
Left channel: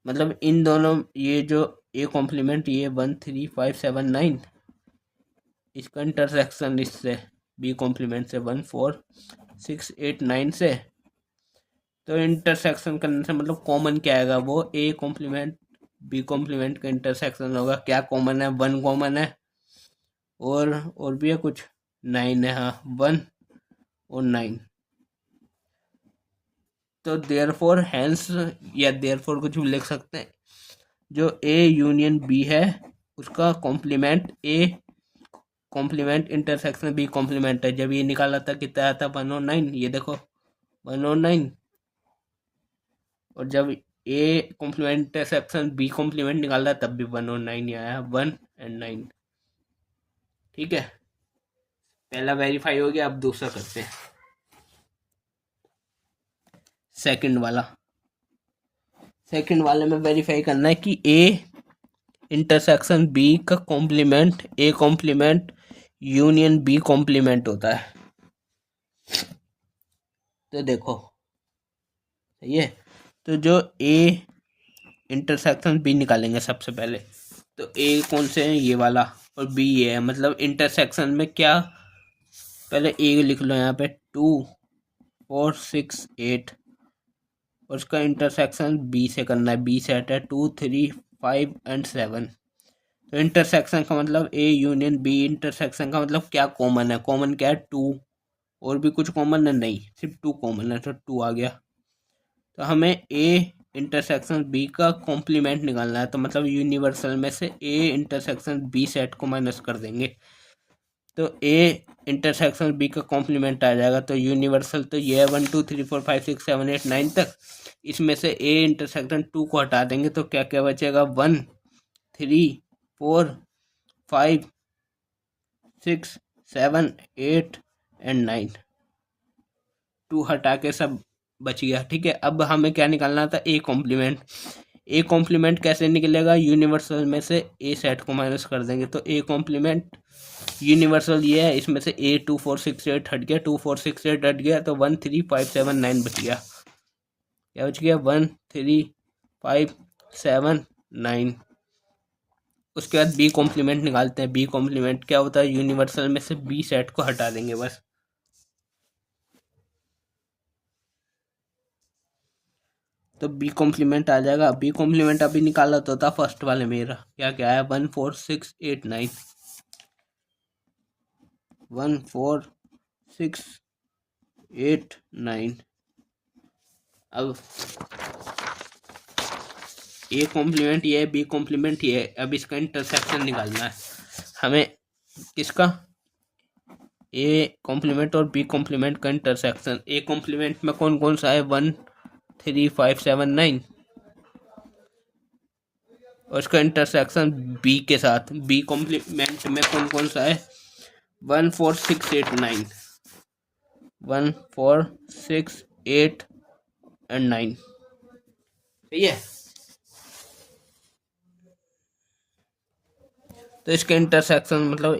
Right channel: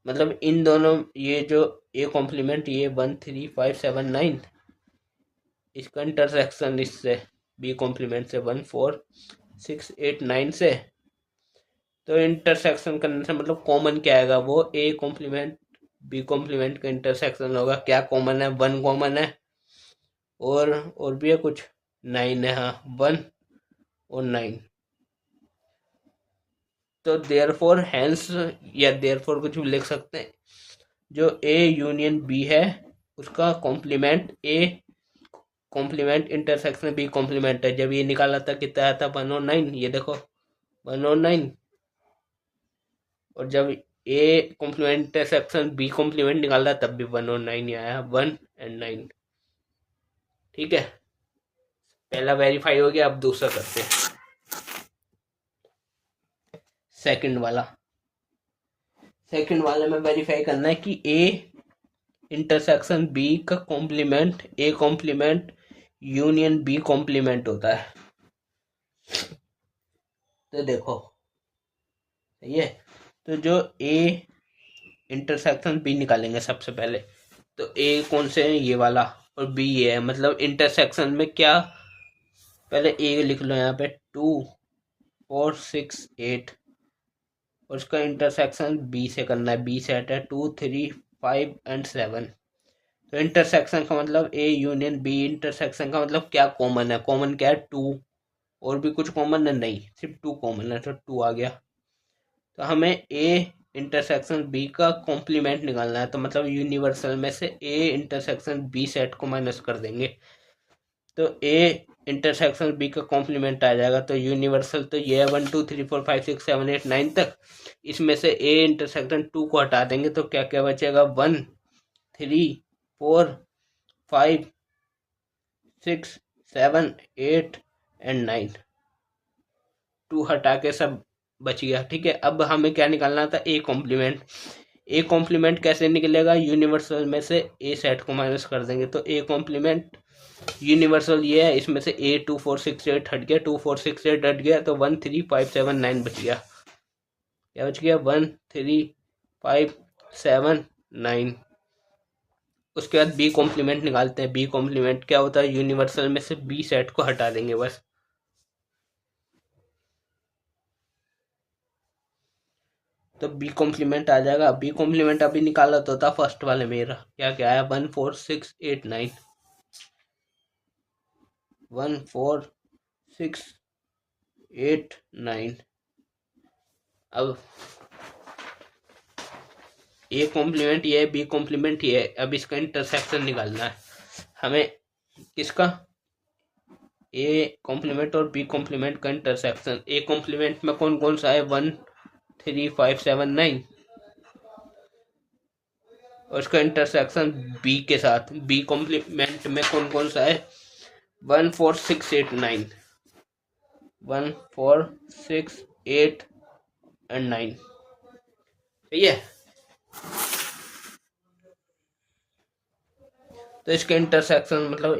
मतलब इन दोनों ये जो ए कॉम्प्लीमेंट ये 1 3 5 7 9, इसका इंटरसेक्शन इससे बी कॉम्प्लीमेंट से 1 4 6 8 9 से, तो इंटरसेक्शन करने से मतलब कॉमन क्या आएगा, वो ए कॉम्प्लीमेंट बी कॉम्प्लीमेंट का इंटरसेक्शन होगा, क्या कॉमन है, 1 कॉमन है और भी है कुछ, 9 है, हाँ 1 और 9। तो देयरफॉर हैंस या देयरफॉर कुछ भी लिख सकते हैं, जो ए यूनियन बी है उसका complement A complement intersection B complement है। जब ये निकाला था कितना आया था, 1 और 9, ये देखो 1 और 9। और जब A complement intersection B complement निकाला तब भी 1 और 9 ही आया, 1 एंड 9। ठीक है, पहला वेरीफाई हो गया, अब दूसरा करते हैं, सेकंड वाला। सेकंड वाले में वेरीफाई करना है कि ए इंटरसेक्शन बी का complement A complement union B complement होता है। तो देखो सही है, तो जो ए इंटरसेक्शन बी निकालेंगे सबसे पहले, तो ए कौन से है, ये वाला, और बी ये है, मतलब इंटरसेक्शन में क्या, पहले ए लिख लो यहाँ पे 2 4 6 8, और उसका इंटरसेक्शन बी से करना है, बी सेट है 2 3 5 एंड 7। तो इंटरसेक्शन का मतलब ए यूनियन बी, इंटरसेक्शन का मतलब क्या कॉमन है, कॉमन क्या है 2, और भी कुछ कॉमन है नहीं, सिर्फ 2 कॉमन है, तो 2 आ गया। तो हमें ए इंटरसेक्शन बी का कॉम्प्लीमेंट निकालना है, तो मतलब यूनिवर्सल में से ए इंटरसेक्शन बी सेट को माइनस कर देंगे, तो ए इंटरसेक्शन बी का कॉम्प्लीमेंट आ जाएगा। तो यूनिवर्सल तो ये है 1 2 3 4 5 6 7 8 9 तक, इसमें से ए इंटरसेक्शन 2 को हटा देंगे तो क्या क्या बचेगा, 1 3 4 5 6 7 8 एंड 9, 2 हटा के सब बच गया। ठीक है, अब हमें क्या निकालना था, ए कॉम्प्लीमेंट। ए कॉम्प्लीमेंट कैसे निकलेगा, यूनिवर्सल में से ए सेट को माइनस कर देंगे, तो ए कॉम्प्लीमेंट यूनिवर्सल ये है, इसमें से ए 2 4 6 8 हट गया, 2 4 6 8 हट गया, तो 1 3 5 7 9 बच गया। क्या बच गया, 1 3 5 7 9। उसके बाद बी कॉम्प्लीमेंट निकालते हैं। बी कॉम्प्लीमेंट क्या होता है, यूनिवर्सल में से बी सेट को हटा देंगे बस। तो बी कॉम्प्लीमेंट आ जाएगा। बी कॉम्प्लीमेंट अभी निकाला तो था फर्स्ट वाले मेरा, क्या क्या है, 1 4 6 8 9, 1 4 6 8 9। अब ए कॉम्प्लीमेंट ये है, बी कॉम्प्लीमेंट ये है, अब इसका इंटरसेक्शन निकालना है हमें, किसका, ए कॉम्प्लीमेंट और बी कॉम्प्लीमेंट का इंटरसेक्शन। ए कॉम्प्लीमेंट में कौन कौन सा है, 1 3 5 7 9, और उसका इंटरसेक्शन बी के साथ। बी कॉम्प्लीमेंट में कौन कौन सा है, 1 4 6 8 9, 1 4 6 8 एंड 9। सही है, तो इसके इंटरसेक्शन मतलब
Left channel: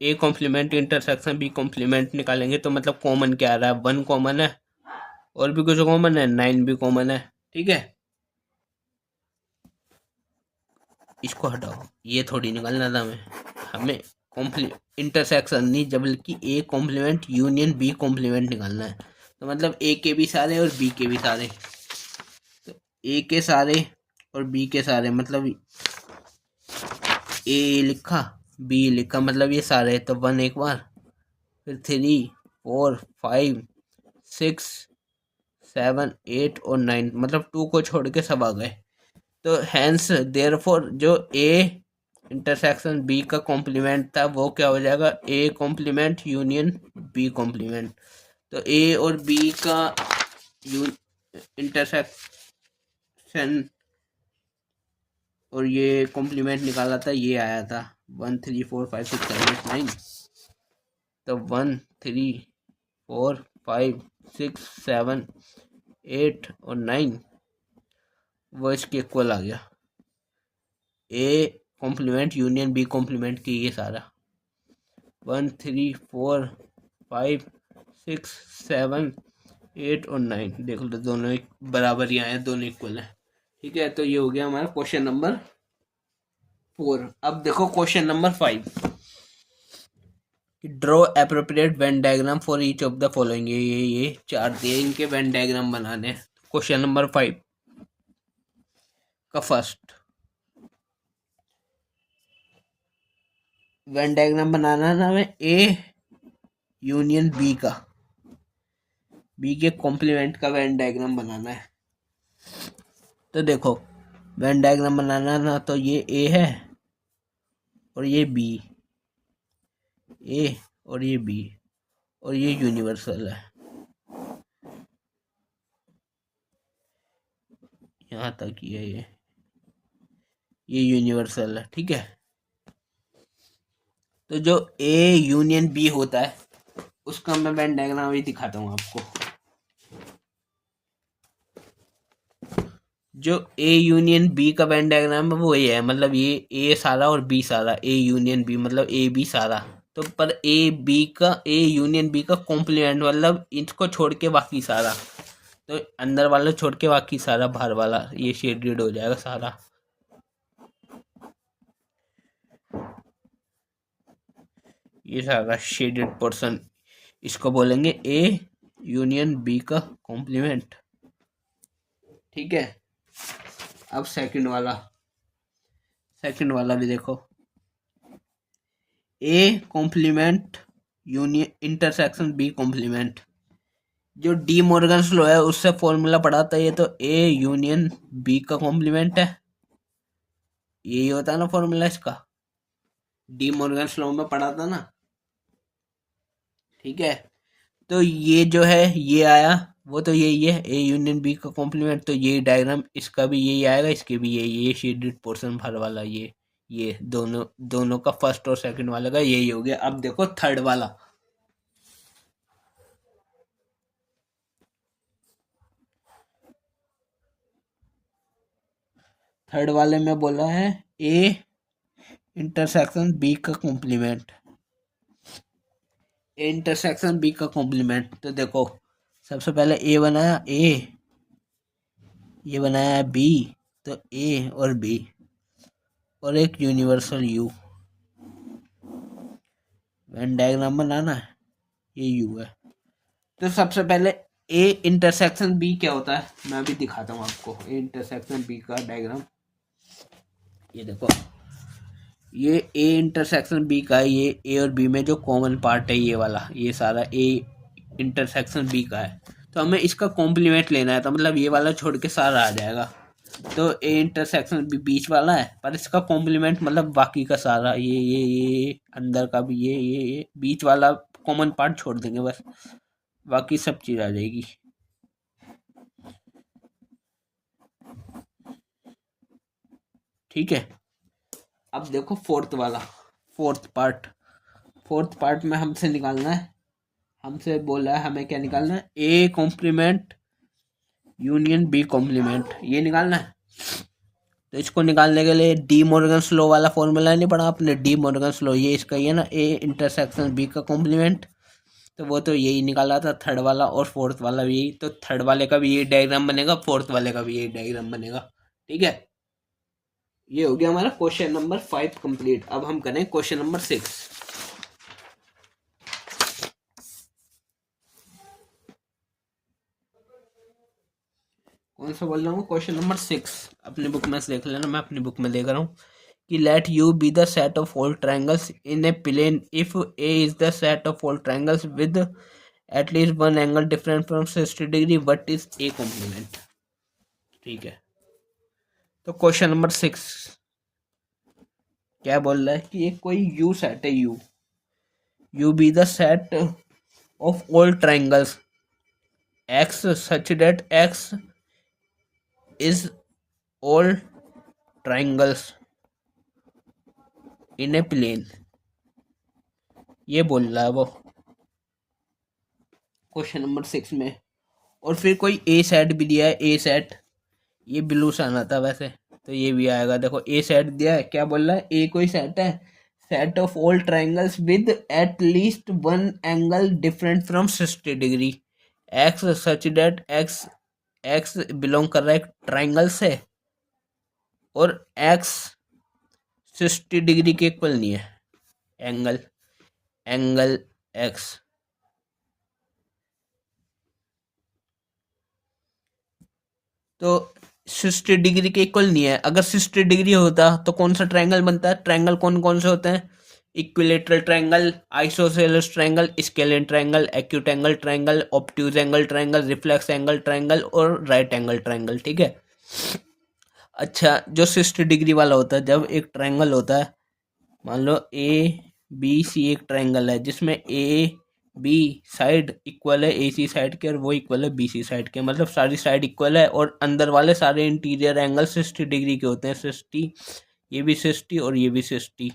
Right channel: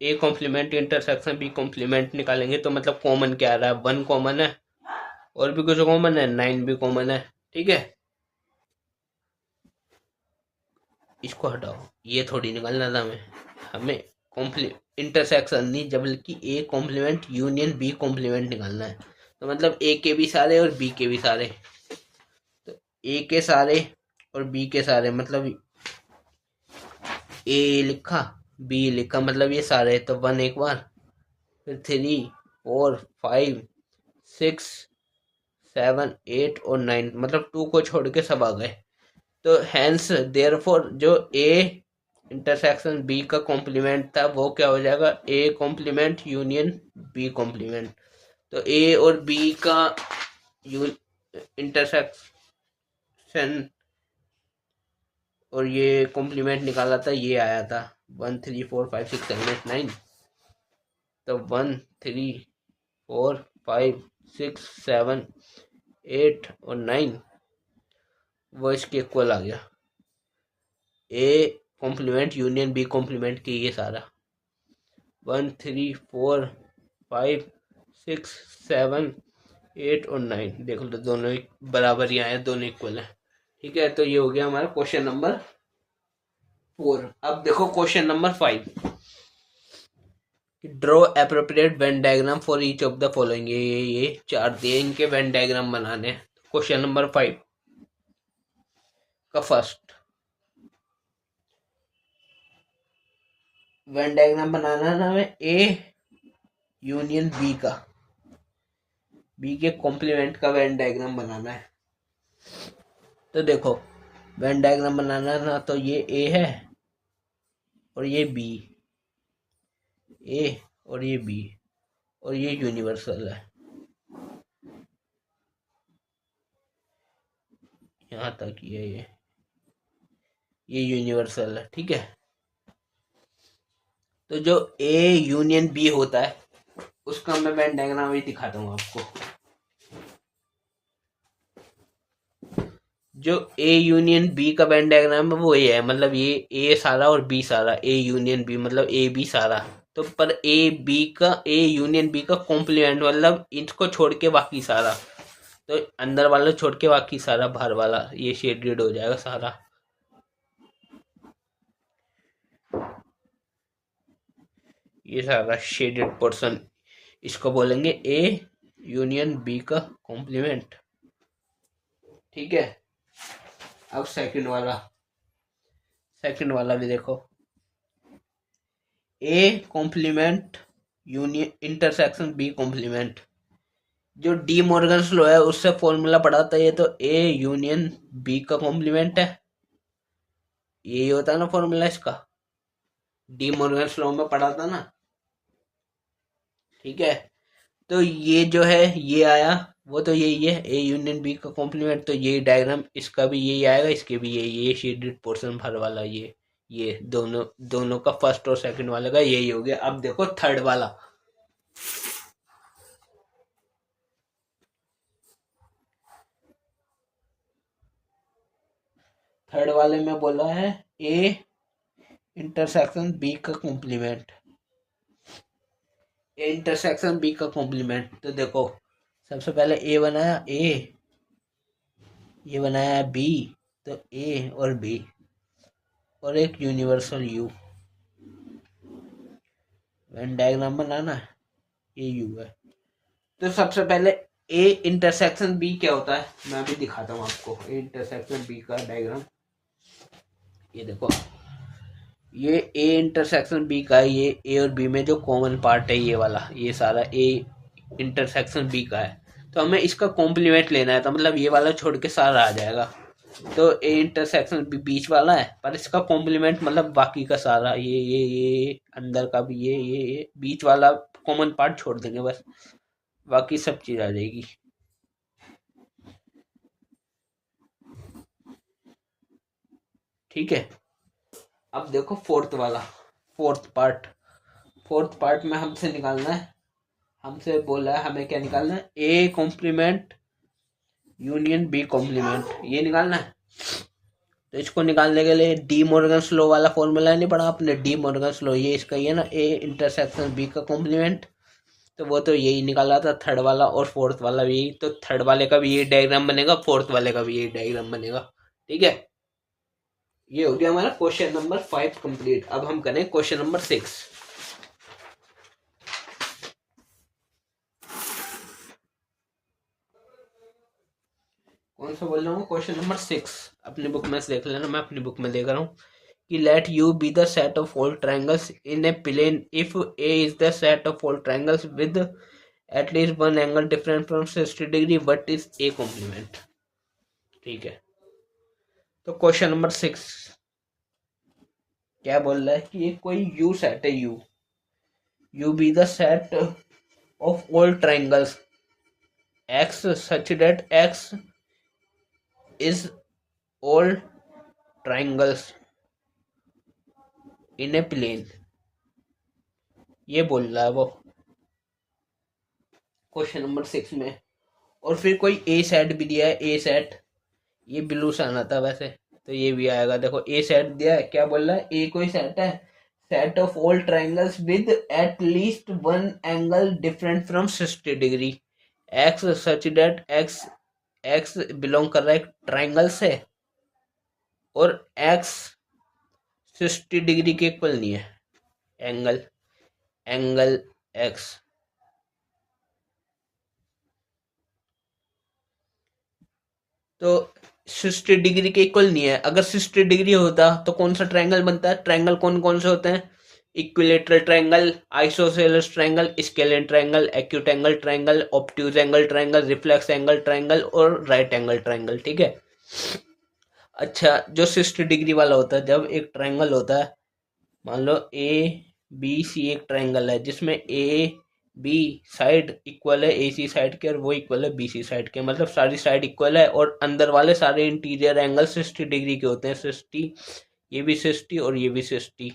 A complement intersection B complement निकालेंगे, तो मतलब कॉमन क्या आ रहा है, 1 कॉमन है, और भी कुछ कॉमन है, 9 भी कॉमन है। ठीक है, इसको हटाओ, ये थोड़ी निकालना था हमें इंटरसेक्शन नहीं, जब बल्कि A complement union B complement निकालना है। तो मतलब ए के भी सारे और बी के भी सारे, तो ए के सारे और बी के सारे, मतलब ए लिखा बी लिखा, मतलब ये सारे, तो 1 एक बार, फिर 3 4 5 6 7 8 और 9, मतलब 2 को छोड़ के सब आ गए। तो हैंस देयरफॉर जो ए इंटरसेक्शन बी का कॉम्प्लीमेंट था वो क्या हो जाएगा, A complement union B complement. तो ए और बी का इंटरसेक्शन और ये कॉम्प्लीमेंट निकाला था, ये आया था 1 3 4 5 6 7 8 9। तो 1 3 4 5 6 7 8 और 9 वो इसके इक्वल आ गया, A complement union B complement की ये सारा, 1 3 4 5 6 7 8 और 9, देख लो दोनों ही बराबर ही आए, दोनों इक्वल है। ठीक है, तो ये हो गया हमारा क्वेश्चन नंबर 4। अब देखो question number 5, draw appropriate Venn diagram for each of the following. ये चार दिए, इनके वेन डायग्राम बनाने। क्वेश्चन नंबर 5, का फर्स्ट वेन डायग्राम बनाना है ना, हमें ए यूनियन बी का, बी के कॉम्प्लीमेंट का वेन डायग्राम बनाना है। तो देखो वेन डायग्राम बनाना है ना, तो ये ए है और ये बी, ए और ये बी, और ये यूनिवर्सल है, यहाँ तक ये यूनिवर्सल है, ठीक है। तो जो ए यूनियन बी होता है उसका मैं वेन डायग्राम भी दिखाता हूँ आपको। जो ए यूनियन बी का वेन डायग्राम है वो ये है, मतलब ये ए सारा और बी सारा, ए यूनियन बी मतलब ए बी सारा। तो पर ए यूनियन बी का कॉम्प्लीमेंट मतलब इसको छोड़ के बाकी सारा, तो अंदर वाला छोड़ के बाकी सारा बाहर वाला ये शेडेड हो जाएगा सारा। ये सारा शेडेड पोर्शन, इसको बोलेंगे ए यूनियन बी का कॉम्प्लीमेंट, ठीक है। अब सेकंड वाला भी देखो, A complement union intersection B complement. जो डी मॉर्गन्स लॉ है उससे फॉर्मूला पढ़ा था ये, तो ए यूनियन बी का कॉम्प्लीमेंट है, यही होता है ना फॉर्मूला इसका, डी मॉर्गन्स लॉ में पढ़ा था ना, ठीक है। तो ये जो है ये आया, वो तो यही है ए यूनियन बी का कॉम्प्लीमेंट, तो ये डायग्राम इसका भी यही आएगा, इसके भी ये शेडेड पोर्शन भर वाला, ये दोनों दोनों का फर्स्ट और सेकंड वाले का यही हो गया। अब देखो थर्ड वाला, थर्ड वाले में बोला है ए इंटरसेक्शन बी का कॉम्प्लीमेंट, ए इंटरसेक्शन बी का कॉम्प्लीमेंट। तो देखो सबसे पहले ए बनाया ए, ये बनाया बी, तो ए और बी और एक यूनिवर्सल यू, वेन डायग्राम बनाना है, ये यू है। तो सबसे पहले ए इंटरसेक्शन बी क्या होता है मैं अभी दिखाता हूँ आपको, ए इंटरसेक्शन बी का डायग्राम। ये देखो ये ए इंटरसेक्शन बी का, ये ए और बी में जो कॉमन पार्ट है ये वाला, ये सारा ए इंटरसेक्शन बी का है। तो हमें इसका कॉम्प्लीमेंट लेना है, तो मतलब ये वाला छोड़ के सारा आ जाएगा। तो ए इंटरसेक्शन बी बीच वाला है, पर इसका कॉम्प्लीमेंट मतलब बाकी का सारा, ये अंदर का भी, ये बीच वाला कॉमन पार्ट छोड़ देंगे बस, बाकी सब चीज आ जाएगी, ठीक है। अब देखो फोर्थ पार्ट में हमसे निकालना है, हमसे बोला है हमें क्या निकालना है, A complement union B complement, ये निकालना है। तो इसको निकालने के लिए डी मॉर्गन्स लॉ वाला फॉर्मूला नहीं पढ़ा आपने, डी मॉर्गन्स लॉ, ये इसका ही है ना, ए इंटरसेक्शन बी का कॉम्प्लीमेंट। तो वो तो यही निकाला था थर्ड वाला, और फोर्थ वाला भी यही, तो थर्ड वाले का भी ये डायग्राम बनेगा, फोर्थ वाले का भी ये डायग्राम बनेगा, ठीक है। ये हो गया हमारा क्वेश्चन नंबर 5 कंप्लीट। अब हम करें क्वेश्चन नंबर 6। कौन सा बोल रहा हूँ, क्वेश्चन नंबर 6, अपनी बुक में से देख लेना, मैं अपनी बुक में देख रहा हूँ कि let U be the set of all triangles in a plane if A is the set of all triangles with at least one angle different from 60 degree, what is A complement, ठीक है। तो question number 6 क्या बोल रहा है कि एक कोई यू सेट है, U be the set of all triangles x such that x is all triangles in a plane, ये बोल रहा है वो क्वेश्चन नंबर 6 में। और फिर कोई ए सेट भी दिया है, ए सेट, ये ब्लू से आना था वैसे, तो ये भी आएगा। देखो ए सेट दिया है, क्या बोल रहा है, ए कोई सेट है, set of all triangles with at least one angle different from 60 degree, x such that x, x belong कर रहा है ट्रायंगल से, और एक्स 60 डिग्री के इक्वल नहीं है, एंगल एंगल एक्स। तो 60 डिग्री के इक्वल नहीं है। अगर 60 डिग्री होता तो कौन सा ट्रायंगल बनता है? ट्रायंगल कौन कौन से होते हैं? Equilateral triangle, isosceles triangle, scalene triangle, acute angle triangle, obtuse angle triangle, reflex angle triangle और राइट एंगल ट्रायंगल। ठीक है। अच्छा, जो 60 डिग्री वाला होता है, जब एक ट्रायंगल होता है, मान लो ए बी सी एक ट्रायंगल है जिसमें ए बी साइड इक्वल है ए सी साइड के और वो इक्वल है बी सी साइड के, मतलब सारी साइड इक्वल है और अंदर वाले सारे इंटीरियर एंगल 60 डिग्री के होते हैं। 60, ये भी 60 और ये भी 60,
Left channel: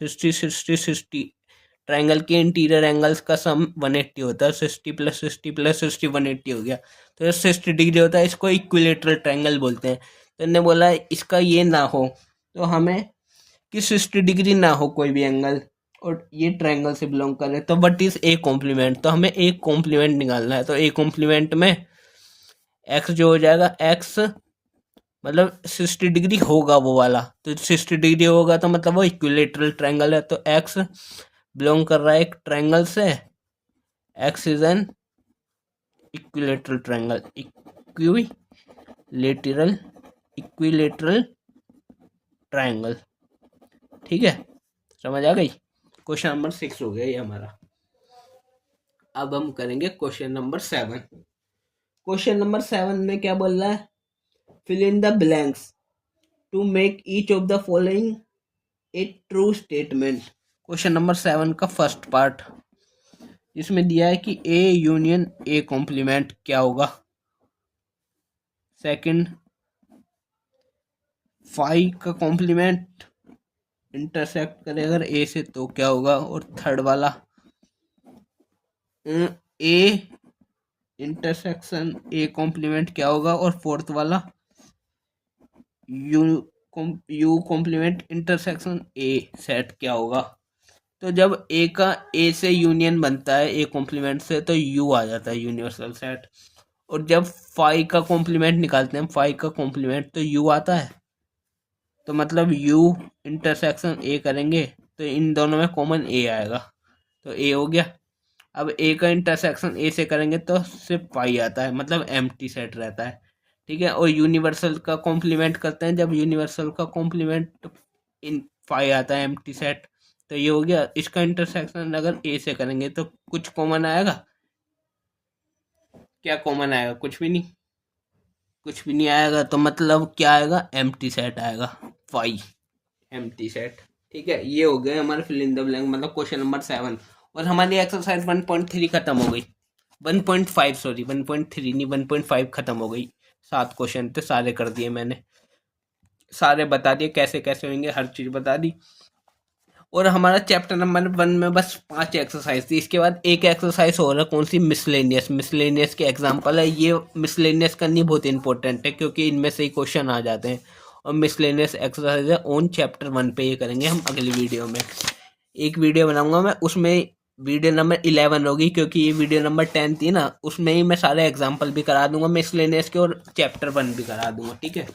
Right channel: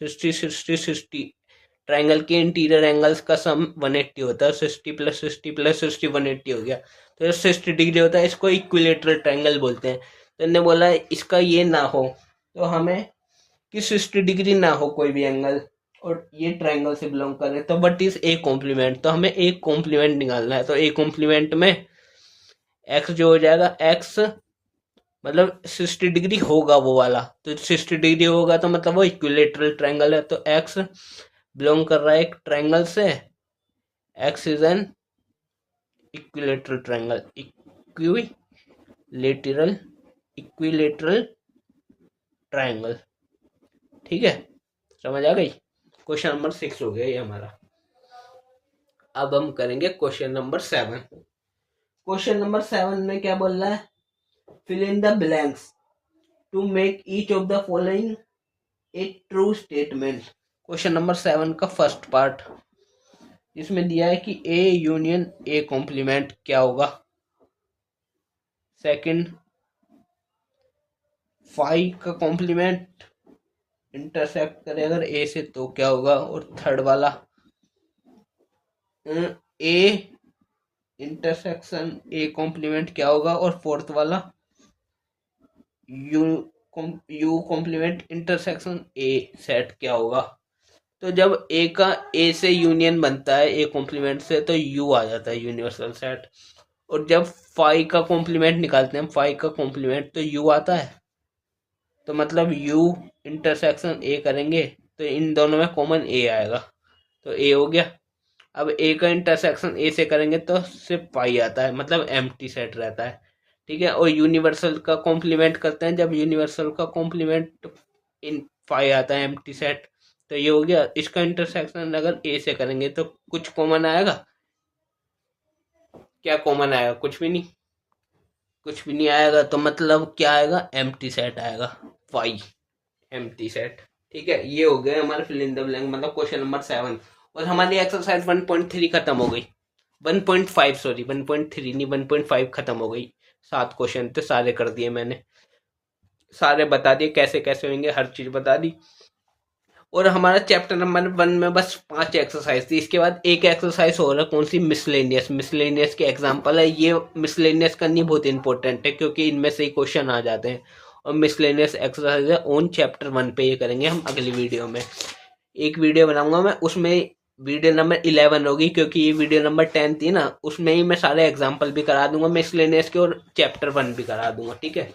60 60 60। ट्रायंगल के इंटीरियर एंगल्स का सम 180 होता है। 60 प्लस 60 प्लस 60 180 हो गया। तो ये 60 डिग्री होता है, इसको इक्विलेटरल ट्रायंगल बोलते हैं। तो इन्होंने बोला इसका ये ना हो, तो हमें कि 60 डिग्री ना हो कोई भी एंगल और ये ट्रायंगल से बिलोंग करे, तो व्हाट इज ए कॉम्प्लीमेंट? तो हमें एक कॉम्प्लीमेंट निकालना है। तो ए कॉम्प्लीमेंट में एक्स जो हो जाएगा, एक्स मतलब 60 डिग्री होगा वो वाला, तो 60 डिग्री होगा तो मतलब वो इक्विलेटरल ट्रायंगल है। तो एक्स बिलोंग कर रहा है एक ट्रायंगल से, x is an equilateral triangle, equilateral triangle. ठीक है, समझ आ गई? क्वेश्चन नंबर 6 हो गया ये हमारा। अब हम करेंगे क्वेश्चन नंबर 7। क्वेश्चन नंबर 7 में क्या बोल रहा है? Fill in the blanks to make each of the following a true statement. Question number 7 का फर्स्ट पार्ट, इसमें दिया है कि ए यूनियन ए कॉम्प्लीमेंट क्या होगा। सेकंड, फाई का कॉम्प्लीमेंट इंटरसेक्ट करे अगर ए से तो क्या होगा। और थर्ड वाला, ए इंटरसेक्शन ए कॉम्प्लीमेंट क्या होगा। और फोर्थ वाला, U complement intersection A set क्या होगा। तो जब ए का ए से यूनियन बनता है ए कॉम्प्लीमेंट से, तो यू आ जाता है यूनिवर्सल सेट। और जब फाई का कॉम्प्लीमेंट निकालते हैं, फाई का कॉम्प्लीमेंट, तो यू आता है। तो मतलब यू इंटरसेक्शन ए करेंगे तो इन दोनों में कॉमन ए आएगा, तो ए हो गया। अब ए का इंटरसेक्शन ए से करेंगे तो सिर्फ पाई आता है, मतलब एम्प्टी सेट रहता है। ठीक है। और यूनिवर्सल का कॉम्प्लीमेंट करते हैं, जब यूनिवर्सल का कॉम्प्लीमेंट इन फाई आता है एम्प्टी सेट, तो ये हो गया। इसका इंटरसेक्शन अगर ए से करेंगे तो कुछ कॉमन आएगा? क्या कॉमन आएगा? कुछ भी नहीं, कुछ भी नहीं आएगा। तो मतलब क्या आएगा? एम्प्टी सेट आएगा, फाई एम्प्टी सेट। ठीक है, ये हो गया हमारा फिल इन द ब्लैंक, मतलब क्वेश्चन नंबर 7। और हमारी एक्सरसाइज 1.3 खत्म हो गई। 1.5 सॉरी, 1.3 नहीं 1.5 खत्म हो गई। 7 क्वेश्चन थे, सारे कर दिए मैंने, सारे बता दिए कैसे कैसे होंगे, हर चीज़ बता दी। और हमारा चैप्टर नंबर 1 में बस 5 एक्सरसाइज थी। इसके बाद एक एक्सरसाइज हो रहा है, कौन सी? मिसलेनियस। मिसलेनियस के एग्जाम्पल है ये। मिसलेनियस करनी बहुत इंपॉर्टेंट है क्योंकि इनमें से ही क्वेश्चन आ जाते हैं। और मिसलेनियस एक्सरसाइज है ऑन चैप्टर 1 पे, ये करेंगे हम अगली वीडियो में। एक वीडियो बनाऊंगा मैं, उसमें वीडियो नंबर 11 होगी क्योंकि ये वीडियो नंबर 10 थी ना, उसमें ही मैं सारे एग्जाम्पल भी करा दूंगा मिसलेनियस के और चैप्टर 1 भी करा दूंगा। ठीक है।